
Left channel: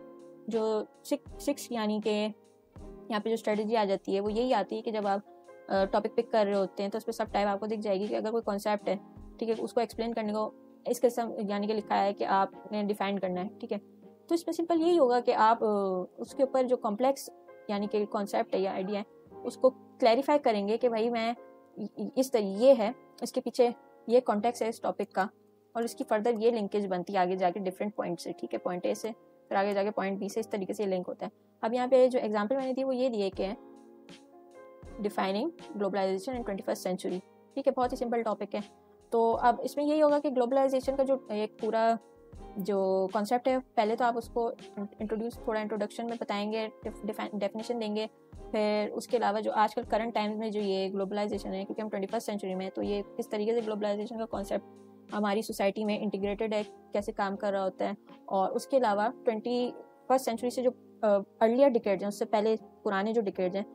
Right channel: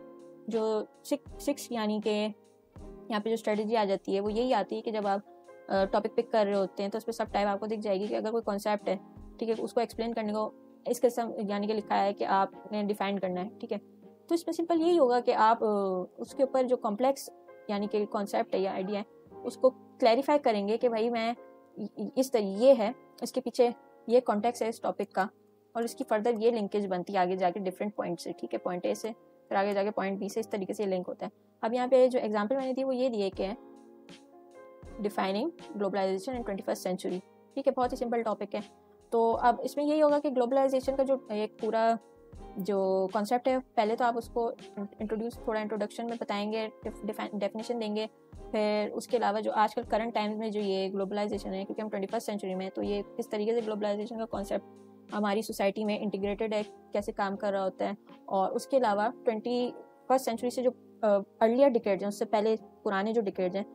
जो सिक्स यानी कि यहाँ पे जो स्ट्रेटेजी आ जाती है वो यही आती है कि जब आप टॉपिक पिक कर रहे होते हैं तो उस पर सब टाइम आपको दिख जाएगी कि अगर कोई कॉन्सेप्ट है, ठीक है, उसको एक्सप्लेन करने को इस किस्म यानी कि लिखा है कि आपने डिफाइन करना है, ठीक है। तो इसमें सिंपल यही होगा कि आप उसके ऊपर जो कॉम्प्लेक्स यानी कि कॉन्सेप्ट है या आइडिया है उसको क्लैरिफाई करेंगे कि भाई मैं इस ये है, इसके पीछे ये कॉन्टेक्स्ट है इस टॉपिक का, और इसकी फर्दर ये लिंकेज बनती है आगे जाके डिफरेंट पॉइंट से, ठीक है, पॉइंट ए से फिर आगे जाके पॉइंट बी से, इस तरीके से लिंक होता है। अब यहाँ पे जो एग्जाम्पल मैंने दी वो ये दिया कि डिफाइनिंग ग्लोबलाइजेशन इन 21st सेंचुरी, ठीक है, बहुत ही सिंपल टॉपिक है। तो अब इसमें यही होगा कि ग्लोबलाइजेशन का जो एक पूरा जो कॉन्सेप्ट है, पहले तो आप उसको इंट्रोडक्शन में बताएंगे, डेफिनेशन देंगे, फिर उसके अलावा जो आजकल करंट टाइम्स में जो ये ग्लोबलाइजेशन है, क्योंकि हम 21st सेंचुरी में, तो ये किस तरीके से ग्लोबलाइजेशन का कॉन्सेप्ट हमारी सोसाइटी में इंटीग्रेटेड है, कैसे काम कर रहा होता है, और उसके अलावा 21st सेंचुरी से जो अर्लियर डिकेड्स हैं, उससे पहले पुराने जो डिकेड्स हैं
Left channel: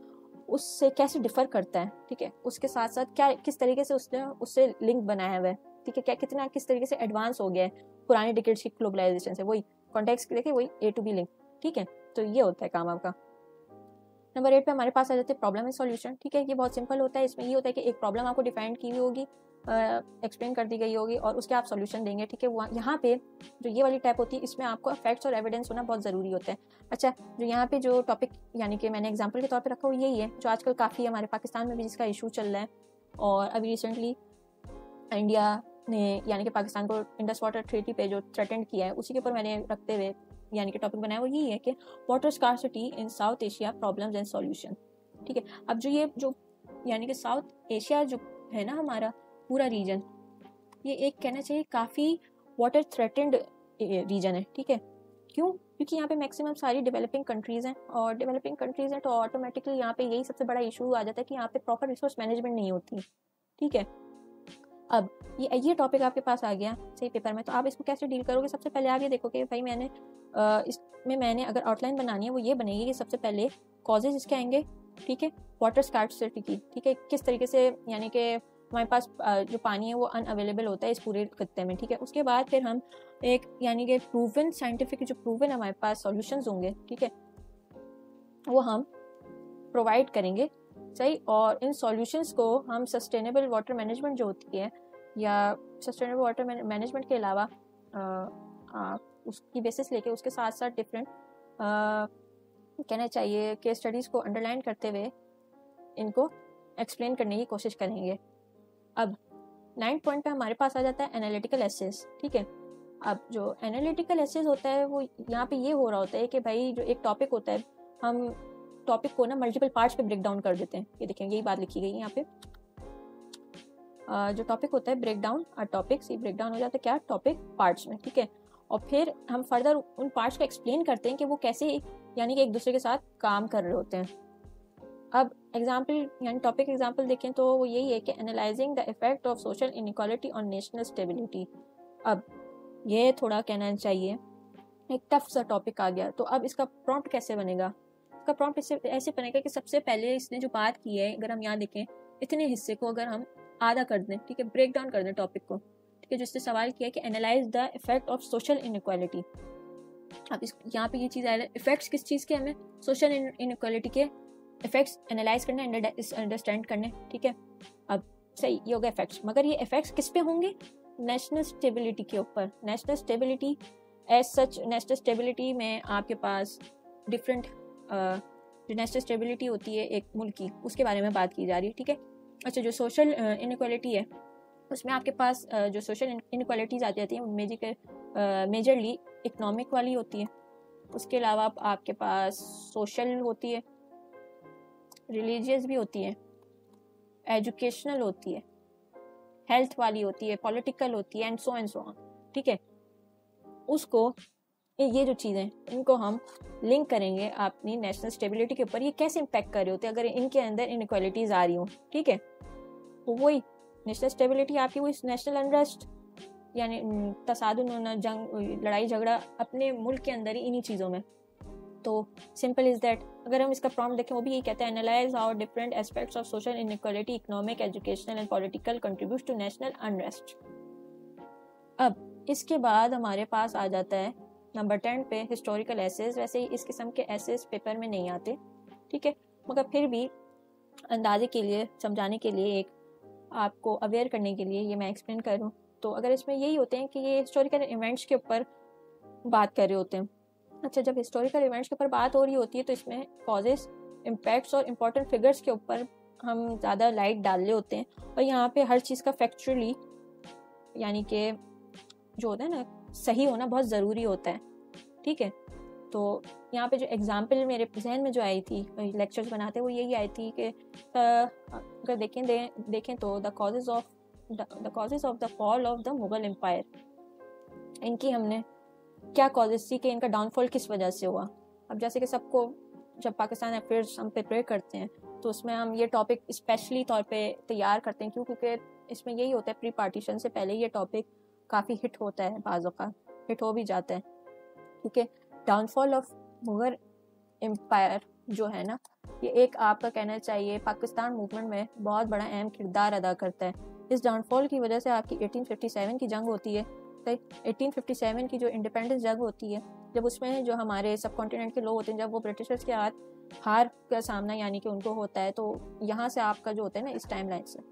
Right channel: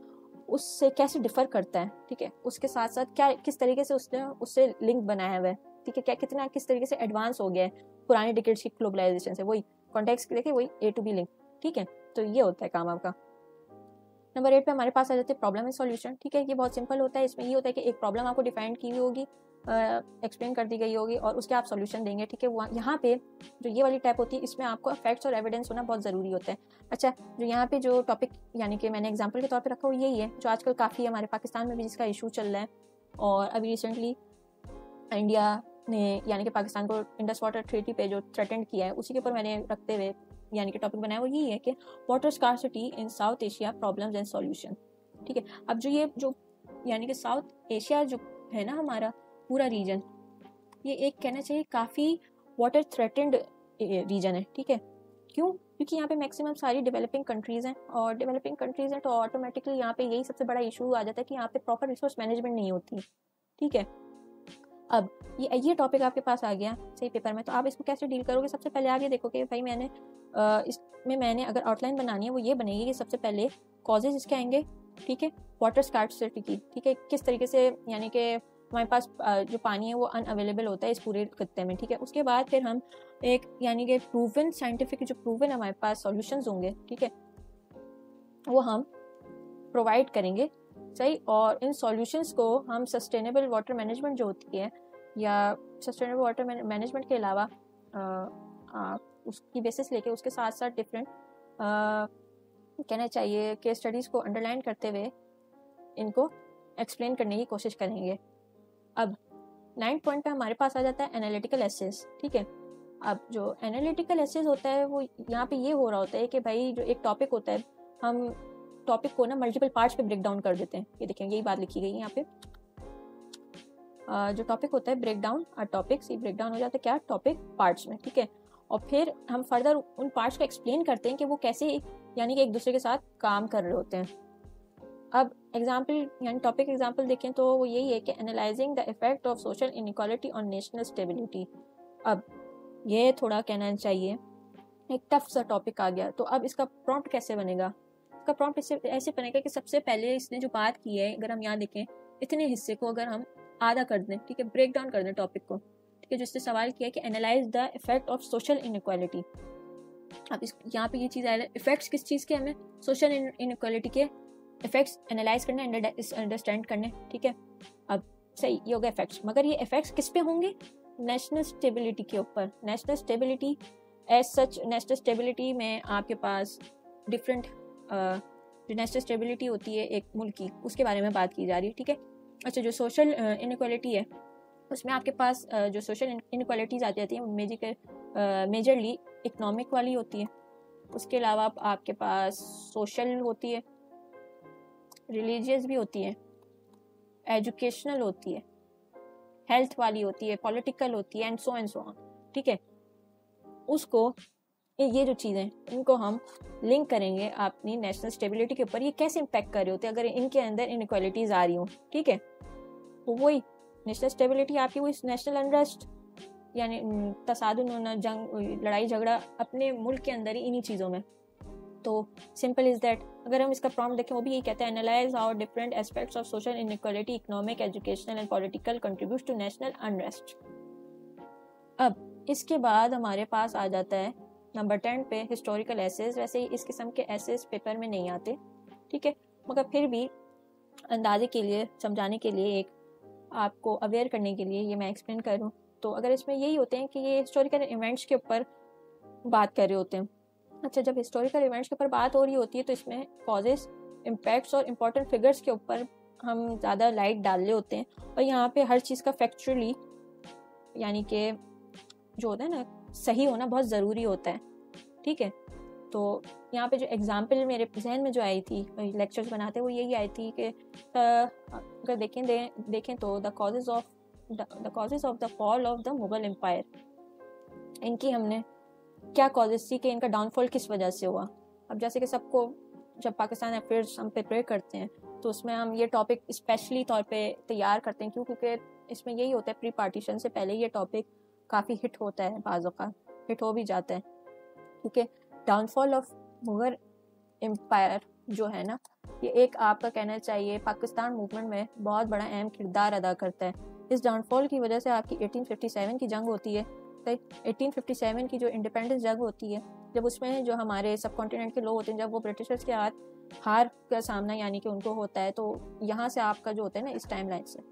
उससे कैसे डिफर करता है, ठीक है, उसके साथ साथ क्या किस तरीके से उससे लिंक बनाया हुआ है, ठीक है, क्या कितना किस तरीके से एडवांस हो गया है पुराने डिकेड्स की ग्लोबलाइजेशन से, वही कॉन्टेक्स्ट लेके वही ए टू बी लिंक, ठीक है। तो ये होता है काम आपका। नंबर 8 पे हमारे पास आ जाते हैं प्रॉब्लम एंड सॉल्यूशन, ठीक है। ये बहुत सिंपल होता है, इसमें ये होता है कि एक प्रॉब्लम आपको डिफाइन की हुई होगी, एक्सप्लेन कर दी गई होगी, और उसके आप सॉल्यूशन देंगे, ठीक है। वो यहाँ पे जो ये वाली टाइप होती है इसमें आपको फैक्ट्स और एविडेंस होना बहुत ज़रूरी होता है। अच्छा, जो यहाँ पे जो टॉपिक यानी कि मैंने एग्जांपल के तौर पे रखा वो यही है, जो आजकल काफ़ी हमारे पाकिस्तान में भी जिसका इशू चल रहा है, और अभी रिसेंटली इंडिया ने यानी कि पाकिस्तान को इंडस वाटर ट्रीटी पे जो थ्रेटन किया है उसी के ऊपर मैंने रखते हुए यानी कि टॉपिक बनाया वो यही है कि water scarcity in south Asia problems and solution, ठीक है। अब जो ये जो यानी कि साउथ एशिया जो है ना हमारा पूरा रीजन, ये एक कहना चाहिए काफ़ी वाटर थ्रेटेंड रीजन है, ठीक है। क्यों? क्योंकि यहाँ पे मैक्सिमम सारी डेवलपिंग कंट्रीज़ हैं, और डेवलपिंग कंट्रीज़ हैं तो ऑटोमेटिकली यहाँ पे यही सबसे बड़ा इशू आ जाता है कि यहाँ पे प्रॉपर रिसोर्स मैनेजमेंट नहीं होती, ठीक है। अब ये टॉपिक आपके पास आ गया सही पेपर में, तो आप इसको कैसे डील करोगे? सबसे पहले आगे देखो कि भाई मैंने अगर आउटलाइन बनानी है वो ये बनेगी कि सबसे पहले कॉजेज इसके आएंगे, ठीक है, वाटर स्कार्सिटी की, ठीक है, किस तरीके से यानी कि हमारे पास जो पानी है वो अनअवेलेबल होता है इस पूरे खत्ते में, ठीक है। उसके बाद फिर हम एक यानी कि प्रूवन साइंटिफिक जो प्रूवन हमारे पास सॉल्यूशंस होंगे, ठीक है, वो हम प्रोवाइड करेंगे, सही। और इन सॉल्यूशंस को हम सस्टेनेबल वाटर मैनेजमेंट जो होती है या सस्टेनेबल वाटर मैनेजमेंट के अलावा उसकी बेसिस लेके उसके साथ साथ डिफरेंट कहना चाहिए कि स्टडीज़ को अंडरलाइन करते हुए इनको एक्सप्लेन करने की कोशिश करेंगे। अब 9th पॉइंट पे हमारे पास आ जाता है एनालिटिकल एसेस, ठीक है। अब जो एनालिटिकल एसेस होता है वो यहाँ पे ये हो रहा होता है कि भाई जो एक टॉपिक होता है हम टॉपिक को ना मल्टीपल पार्ट्स पे ब्रेक डाउन कर देते हैं, ये देखिए यही बात लिखी गई है यहाँ पे। जो टॉपिक होता है ब्रेक डाउन टॉपिक्स, ये ब्रेक डाउन हो जाता है क्या टॉपिक पार्ट्स में, ठीक है। और फिर हम फर्दर उन पार्ट्स को एक्सप्लेन करते हैं कि वो कैसे यानी कि एक दूसरे के साथ काम कर रहे होते हैं। अब एग्जाम्पल यानी टॉपिक एग्जाम्पल देखें तो वो यही है कि analysing the effect of social inequality on national stability. अब ये थोड़ा कहना चाहिए एक टफ सा टॉपिक आ गया, तो अब इसका प्रॉम्प्ट कैसे बनेगा? इसका प्रॉम्प्ट ऐसे बनेगा कि सबसे पहले इसने जो बात की है, अगर हम यहाँ देखें, इतने हिस्से को अगर हम आधा कर दें, ठीक है, ब्रेक डाउन कर दें टॉपिक को, ठीक है, जो उसने सवाल किया कि analyse the effect of social inequality. अब इस यहाँ पे ये चीज़ आया, इफेक्ट्स किस चीज़ के, हमें सोशल इनइक्वालिटी के इफेक्ट्स एनालाइज करने, अंडरस्टैंड करने, ठीक है। अब सही, ये हो गए इफेक्ट्स, मगर ये इफेक्ट्स किस पे होंगे? नेशनल स्टेबिलिटी के ऊपर। National stability as such, national stability में आपके पास डिफरेंट जो नेशनल स्टेबिलिटी होती है एक मुल्क की, उसके बारे में बात की जा रही है, ठीक है। अच्छा, जो सोशल इनइक्वालिटी है उसमें आपके पास जो सोशल इनइक्वालिटीज आ जाती हैं मेजरली इकोनॉमिक वाली होती है। उसके अलावा आपके पास सोशल होती है, रिलीजियस भी होती है, एजुकेशनल होती है, हेल्थ वाली होती है, पॉलिटिकल होती है, एंड सो ऑन, ठीक है। उसको ये जो चीज़ें, इनको हम लिंक करेंगे अपनी नेशनल स्टेबिलिटी के ऊपर, ये कैसे इम्पैक्ट कर रही होती है अगर इनके अंदर इनइक्वालिटीज आ रही हो, ठीक है। तो वही नेशनल स्टेबिलिटी आपकी, वही नेशनल अनरेस्ट यानी तसादुम, जंग, लड़ाई झगड़ा अपने मुल्क के अंदर ही इन्हीं चीज़ों में। तो सिंपल इज दैट। अगर हम इसका प्रॉम्प्ट देखें, वो भी ये कहते हैं, analyse how different aspects of social inequality, economic, educational and political contribute to national unrest. अब इसके बाद हमारे पास आ जाता है नंबर 10 पे हिस्टोरिकल एसेज। वैसे इस किस्म के एसेज पेपर में नहीं आते, ठीक है, मगर फिर भी अंदाजे के लिए, समझाने के लिए, एक आपको अवेयर करने के लिए ये मैं एक्सप्लेन कर रहा हूँ। तो अगर इसमें यही होते हैं कि ये हिस्टोरिकल इवेंट्स के ऊपर बात कर रहे होते हैं। अच्छा, जब हिस्टोरिकल इवेंट्स के ऊपर बात हो रही होती है तो इसमें कॉजेस, इम्पैक्ट्स और इम्पोर्टेंट फिगर्स के ऊपर हम ज़्यादा लाइट डाल रहे होते हैं, और यहाँ पे हर चीज़ का फैक्चुअली यानी कि जो होता है ना, सही होना बहुत ज़रूरी होता है, ठीक है। तो यहाँ पे जो एग्जाम्पल मेरे जहन में जो आई थी लेक्चर्स बनाते हुए, यही आई थी कि अगर देखें तो the causes of the fall of the Mughal empire, इनकी हमने क्या कॉजेज थी कि इनका डाउनफॉल किस वजह से हुआ। अब जैसे कि सबको जब पाकिस्तान अफेयर्स हम प्रिपेयर करते हैं तो उसमें हम ये टॉपिक स्पेशली तौर पे तैयार करते हैं, क्योंकि इसमें यही होता है, प्री पार्टीशन से पहले ये टॉपिक काफ़ी हिट होता है, बाज़ों का हिट हो भी जाता है, ठीक है। डाउनफॉल ऑफ मुगल एम्पायर जो है ना, ये एक आपका कहना चाहिए पाकिस्तान मूवमेंट में बहुत बड़ा अहम किरदार अदा करता है। इस डाउनफॉल की वजह से आपकी 1857 की जंग होती है, तो 1857 की जो इंडिपेंडेंस जंग होती है, जब उसमें जो हमारे सब कॉन्टिनेंट के लोग होते हैं, जब वो ब्रिटिशर्स के हार का सामना यानी कि उनको होता है, तो यहाँ से आपका जो होता है ना, इस टाइम लाइन से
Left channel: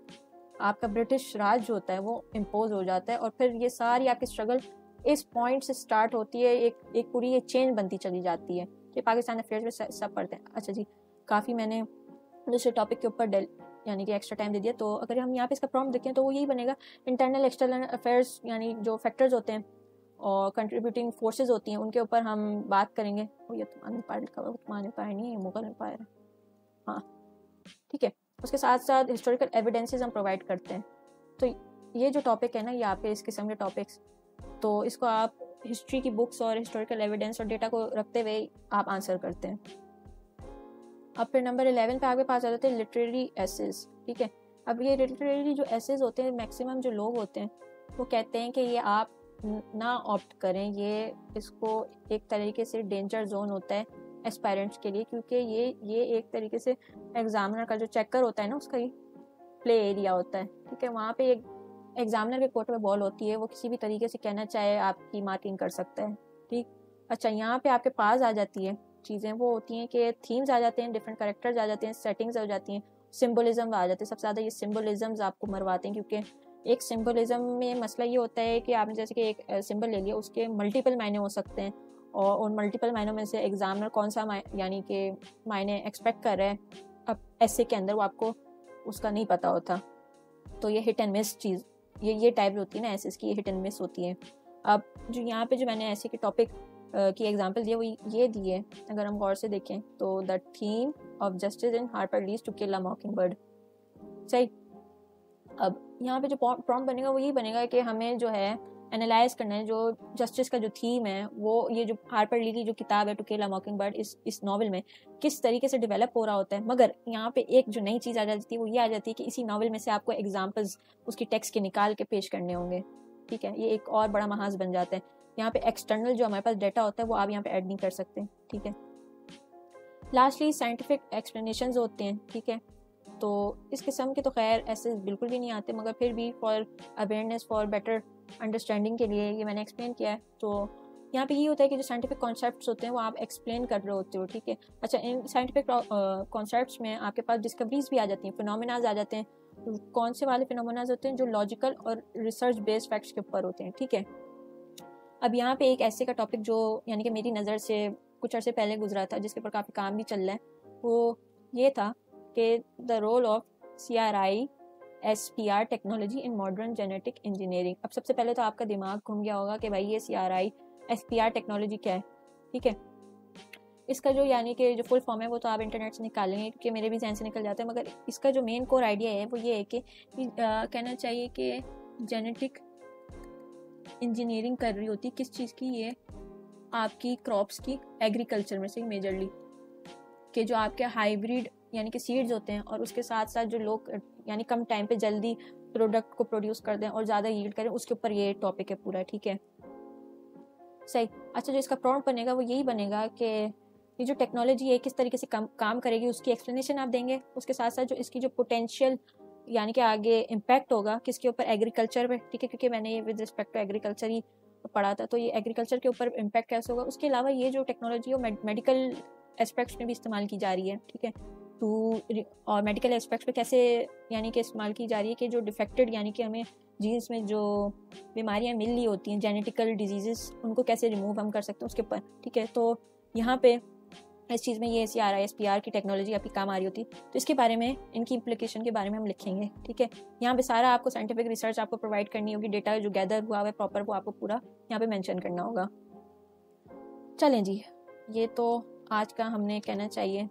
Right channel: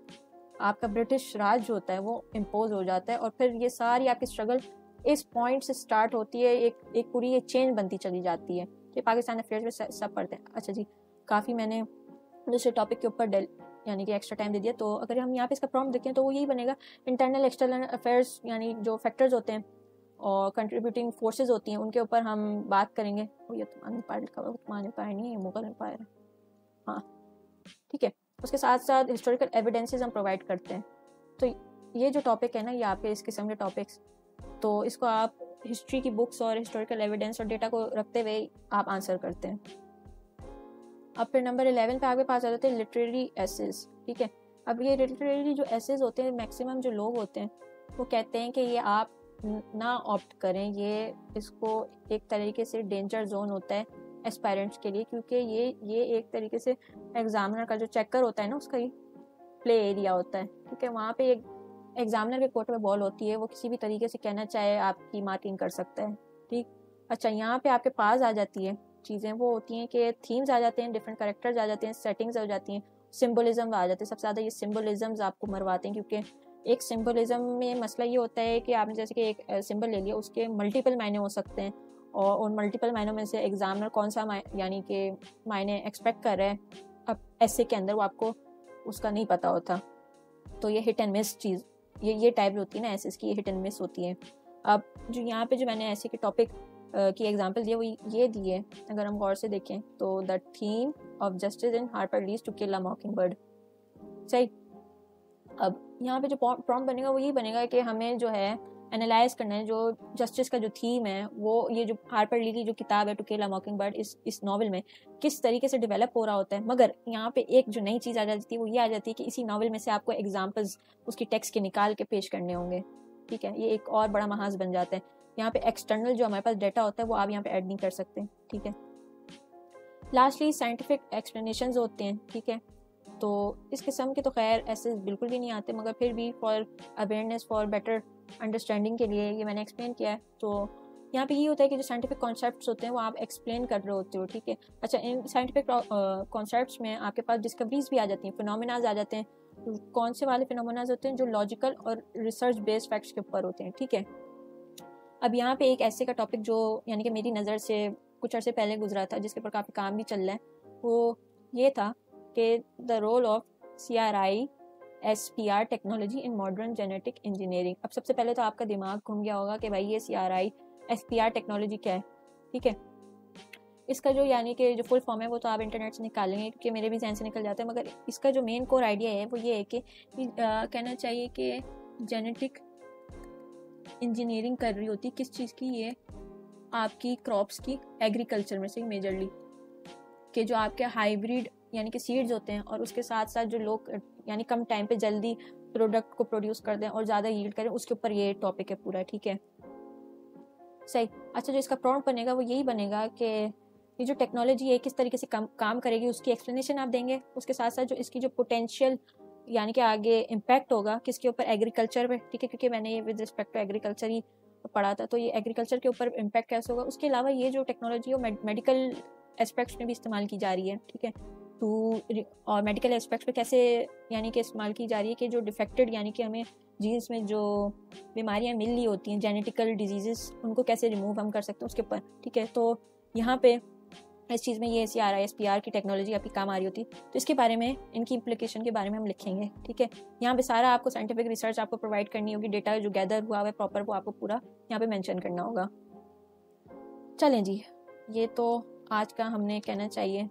आपका ब्रिटिश राज जो होता है वो इम्पोज हो जाता है, और फिर ये सारी आपकी स्ट्रगल इस पॉइंट से स्टार्ट होती है, एक पूरी ये चेन बनती चली जाती है कि पाकिस्तान अफेयर्स में सब पढ़ते हैं। अच्छा जी, काफ़ी मैंने दूसरे टॉपिक के ऊपर यानी कि एक्स्ट्रा टाइम दे दिया। तो अगर हम यहाँ पे इसका प्रॉम्प्ट देखें तो वो यही बनेगा, इंटरनल एक्सटर्नल अफेयर्स यानी जो फैक्टर्स होते हैं और कंट्रीब्यूटिंग फोर्सेज होती हैं, उनके ऊपर हम बात करेंगे। ये तुम्हारे पायर नहीं, ये मुगल एम्पायर है, हाँ ठीक है। उसके साथ साथ हिस्टोरिकल एविडेंसेस हम प्रोवाइड करते हैं। तो ये जो टॉपिक है ना, ये आपके इस किस्म के टॉपिक्स, तो इसको आप हिस्ट्री की बुक्स और हिस्टोरिकल एविडेंस और डेटा को रखते हुए आप आंसर करते हैं। अब फिर नंबर 11 पे आपके पास आ जाते हैं लिटरेरी एसेज, ठीक है। अब ये लिटरेरी जो एसेज होते हैं, मैक्सिमम जो लोग होते हैं वो कहते हैं कि ये आप ना ऑप्ट करें, ये इसको एक तरीके से डेंजर जोन होता है एस्पायरेंट्स के लिए, क्योंकि ये एक तरीके से एग्जामिनर का जो चेकर होता है ना, उसका ही प्ले एरिया होता है, ठीक है। वहाँ पे एक एग्जामिनर के कोर्ट में बॉल होती है, वो किसी भी तरीके से कहना चाहे आपकी मार्किंग कर सकता है, ठीक। अच्छा, यहाँ पे आपके पास आ जाती है चीज़ें, वो होती हैं कि थीम्स आ जाते हैं, डिफरेंट कैरेक्टर्स आ जाते हैं, सेटिंग्स हो जाती हैं, सिंबलिज्म आ जाते हैं। सबसे ज़्यादा ये सिंबलिज्म्स आपको मरवाते हैं, क्योंकि एक सिंबलिज्म में मसला ये होता है कि आपने जैसे कि एक सिंबल ले लिया, उसके मल्टीपल मायने हो सकते हैं, और उन मल्टीपल मायनों में से एग्जामिनर कौन सा यानी कि मायने एक्सपेक्ट कर रहा है, अब ऐसे के अंदर वो आपको उसका नहीं पता होता। तो ये हिट एंड मिस चीज़, ये टाइप होती है ना एसेस की, ये हिट एंड मिस होती है। अब जो यहाँ पे जो मैंने ऐसे के टॉपिक की एग्जांपल दिए, वो ये दिए, अगर हम गौर से देखें तो the theme of justice in Harper Lee's To Kill a Mockingbird, सही। अब यहाँ पे जो प्रॉम्प्ट बनेगा वो ये बनेगा कि हमें जो है एनालाइज करना है, जो जस्टिस का जो थीम है, वो ये जो हार्पर ली की जो किताब है टू किल अ मॉकिंगबर्ड, इस नॉवल में किस तरीके से डेवलप हो रहा होता है। मगर यहाँ पे एक जो नई चीज़ आ जाती है वो ये आ जाती है कि इसी नॉवल में से आपको एग्जाम्पल्स उसकी टेक्स्ट के निकाल के पेश करने होंगे, ठीक है, ये एक और बड़ा महाज बन जाता है। यहाँ पे एक्सटर्नल जो हमारे पास डेटा होता है वो आप यहाँ पे ऐड नहीं कर सकते, ठीक है। लास्टली साइंटिफिक एक्सप्लेनेशंस होते हैं, ठीक है। तो इस किस्म के तो खैर ऐसे बिल्कुल भी नहीं आते, मगर फिर भी for awareness, for better understanding के लिए ये मैंने एक्सप्लेन किया है। तो यहाँ पे ये होता है कि जो साइंटिफिक कॉन्सेप्ट्स होते हैं वो आप एक्सप्लेन कर रहे होते हो, ठीक है। अच्छा, इन साइंटिफिक कॉन्सेप्ट्स में आपके पास डिस्कवरीज भी आ जाती हैं, फिनोमेनाज आ जाते हैं। तो कौन से वाले फिनोमेनाज होते हैं? जो लॉजिकल और रिसर्च बेस्ड फैक्ट्स के ऊपर होते हैं, ठीक है। अब यहाँ पे एक ऐसे का टॉपिक जो यानी कि मेरी नज़र से कुछ अर्से पहले गुजरा था, जिसके ऊपर काफ़ी काम भी चल रहा है, वो ये था कि the role of CRI SPR technology in modern genetic engineering. अब सबसे पहले तो आपका दिमाग घूम गया होगा कि भाई ये CRI SPR टेक्नोलॉजी क्या है, ठीक है। इसका जो यानी कि जो फुल फॉर्म है वो तो आप इंटरनेट से निकालेंगे, क्योंकि मेरे भी ध्यान से निकल जाते हैं, मगर इसका जो मेन कोर आइडिया है वो ये है कि कहना चाहिए कि जेनेटिक इंजीनियरिंग कर रही होती किस चीज़ की? ये आपकी क्रॉप्स की, एग्रीकल्चर में से मेजरली, कि जो आपके हाइब्रिड यानी कि सीड्स होते हैं, और उसके साथ साथ जो लोग यानी कम टाइम पे जल्दी प्रोडक्ट को प्रोड्यूस कर दें और ज़्यादा यील्ड करें, उसके ऊपर ये टॉपिक है पूरा, ठीक है। सही। अच्छा, जो इसका प्रॉम्प्ट बनेगा वो यही बनेगा कि ये जो टेक्नोलॉजी है किस तरीके से काम करेगी, उसकी एक्सप्लेनेशन आप देंगे। उसके साथ साथ जो इसकी जो पोटेंशियल यानी कि आगे इम्पैक्ट होगा किसके ऊपर? एग्रीकल्चर पे, ठीक है, क्योंकि मैंने विद रिस्पेक्ट टू एग्रीकल्चर ही पढ़ा था, तो ये एग्रीकल्चर के ऊपर इम्पैक्ट कैसे होगा। उसके अलावा ये जो टेक्नोलॉजी है मेडिकल एस्पेक्ट्स में भी इस्तेमाल की जा रही है, ठीक है। और मेडिकल एस्पेक्ट्स पे कैसे यानी कि इस्तेमाल की जा रही है कि जो डिफेक्टेड यानी कि हमें जीन्स में जो बीमारियां मिल रही होती हैं, जेनेटिकल डिजीजेस, उनको कैसे रिमूव हम कर सकते हैं उसके ऊपर, ठीक है। तो यहाँ पे इस चीज़ में ये CRI SPR की टेक्नोलॉजी आपकी काम आ रही होती है, तो इसके बारे में, इनकी इम्प्लीकेशन के बारे में हम लिखेंगे, ठीक है। यहाँ पे सारा आपको साइंटिफिक रिसर्च आपको प्रोवाइड करनी होगी, डेटा जो गैदर हुआ है प्रॉपर वो आपको पूरा यहाँ पे मेंशन करना होगा। चलें जी, ये तो आज का हमने कहना चाहिए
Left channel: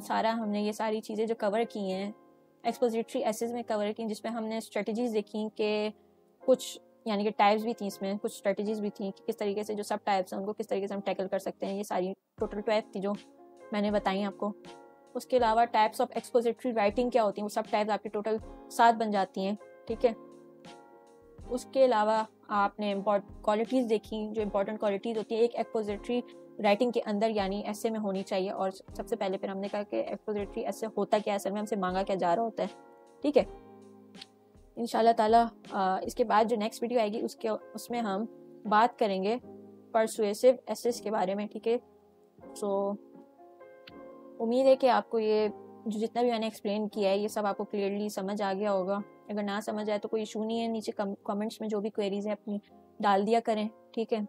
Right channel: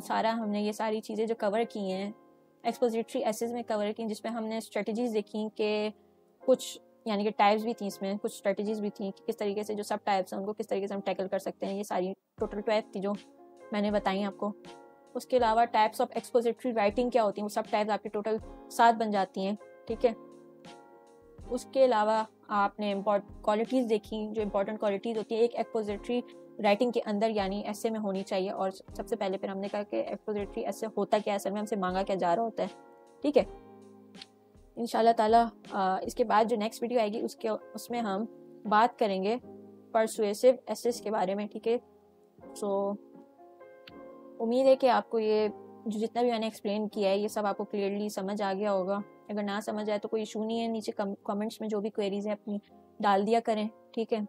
सारा, हमने ये सारी चीज़ें जो कवर की हैं एक्सपोजिटरी एसेस में कवर की, जिसमें हमने स्ट्रेटजीज देखी कि कुछ यानी कि टाइप्स भी थी, इसमें कुछ स्ट्रेटजीज भी थी कि किस तरीके से जो सब टाइप्स हैं उनको किस तरीके से हम टैकल कर सकते हैं। ये सारी टोटल 12 थी जो मैंने बताई आपको। उसके अलावा टाइप्स ऑफ एक्सपोजिटरी राइटिंग क्या होती है, वो सब टाइप्स आपकी टोटल 7 बन जाती हैं, ठीक है। उसके अलावा आपने क्वालिटीज़ देखी, जो इंपॉर्टेंट क्वालिटीज़ होती है एक एक्सपोजिटरी राइटिंग के अंदर यानी ऐसे में होनी चाहिए। और सबसे पहले फिर हमने कहा कि एक्सपोजिटरी ऐसे होता क्या है, असल में हमसे मांगा क्या जा रहा होता है, ठीक है। इंशाल्लाह ताला इसके बाद जो नेक्स्ट वीडियो आएगी उसमें हम बात करेंगे परसुएसिव एसेस के बारे में, ठीक है। सो उम्मीद है कि आपको ये जो जितना भी मैंने एक्सप्लेन किया है ये सब आपको क्लियरली समझ आ गया होगा। अगर ना समझ आए तो कोई इशू नहीं है, नीचे कमेंट्स में जो भी क्वेरीज है अपनी डाल दिया करें, ठीक है।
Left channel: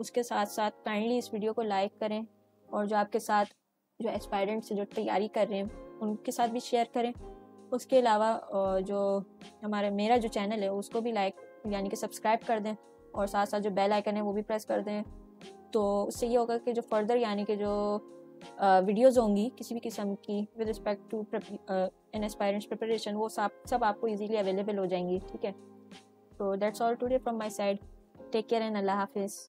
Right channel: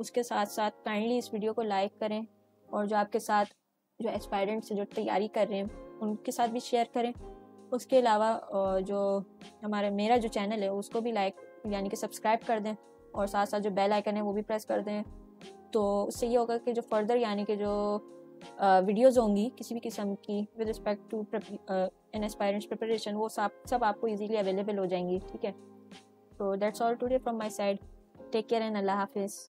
उसके साथ साथ काइंडली इस वीडियो को लाइक करें, और जो आपके साथ जो एस्पायरेंट्स जो तैयारी कर रहे हैं उनके साथ भी शेयर करें। उसके अलावा जो मेरा जो चैनल है उसको भी लाइक यानी कि सब्सक्राइब कर दें, और साथ साथ जो बेल आइकन है वो भी प्रेस कर दें। तो उससे ये होगा कि जो फर्दर यानी कि जो वीडियोस होंगी किसी भी किस्म की with respect to in aspirants preparation, वो सब आपको इजीली अवेलेबल हो जाएंगी, ठीक है। तो that's all today from my side. Take care and अल्लाह हाफिज़।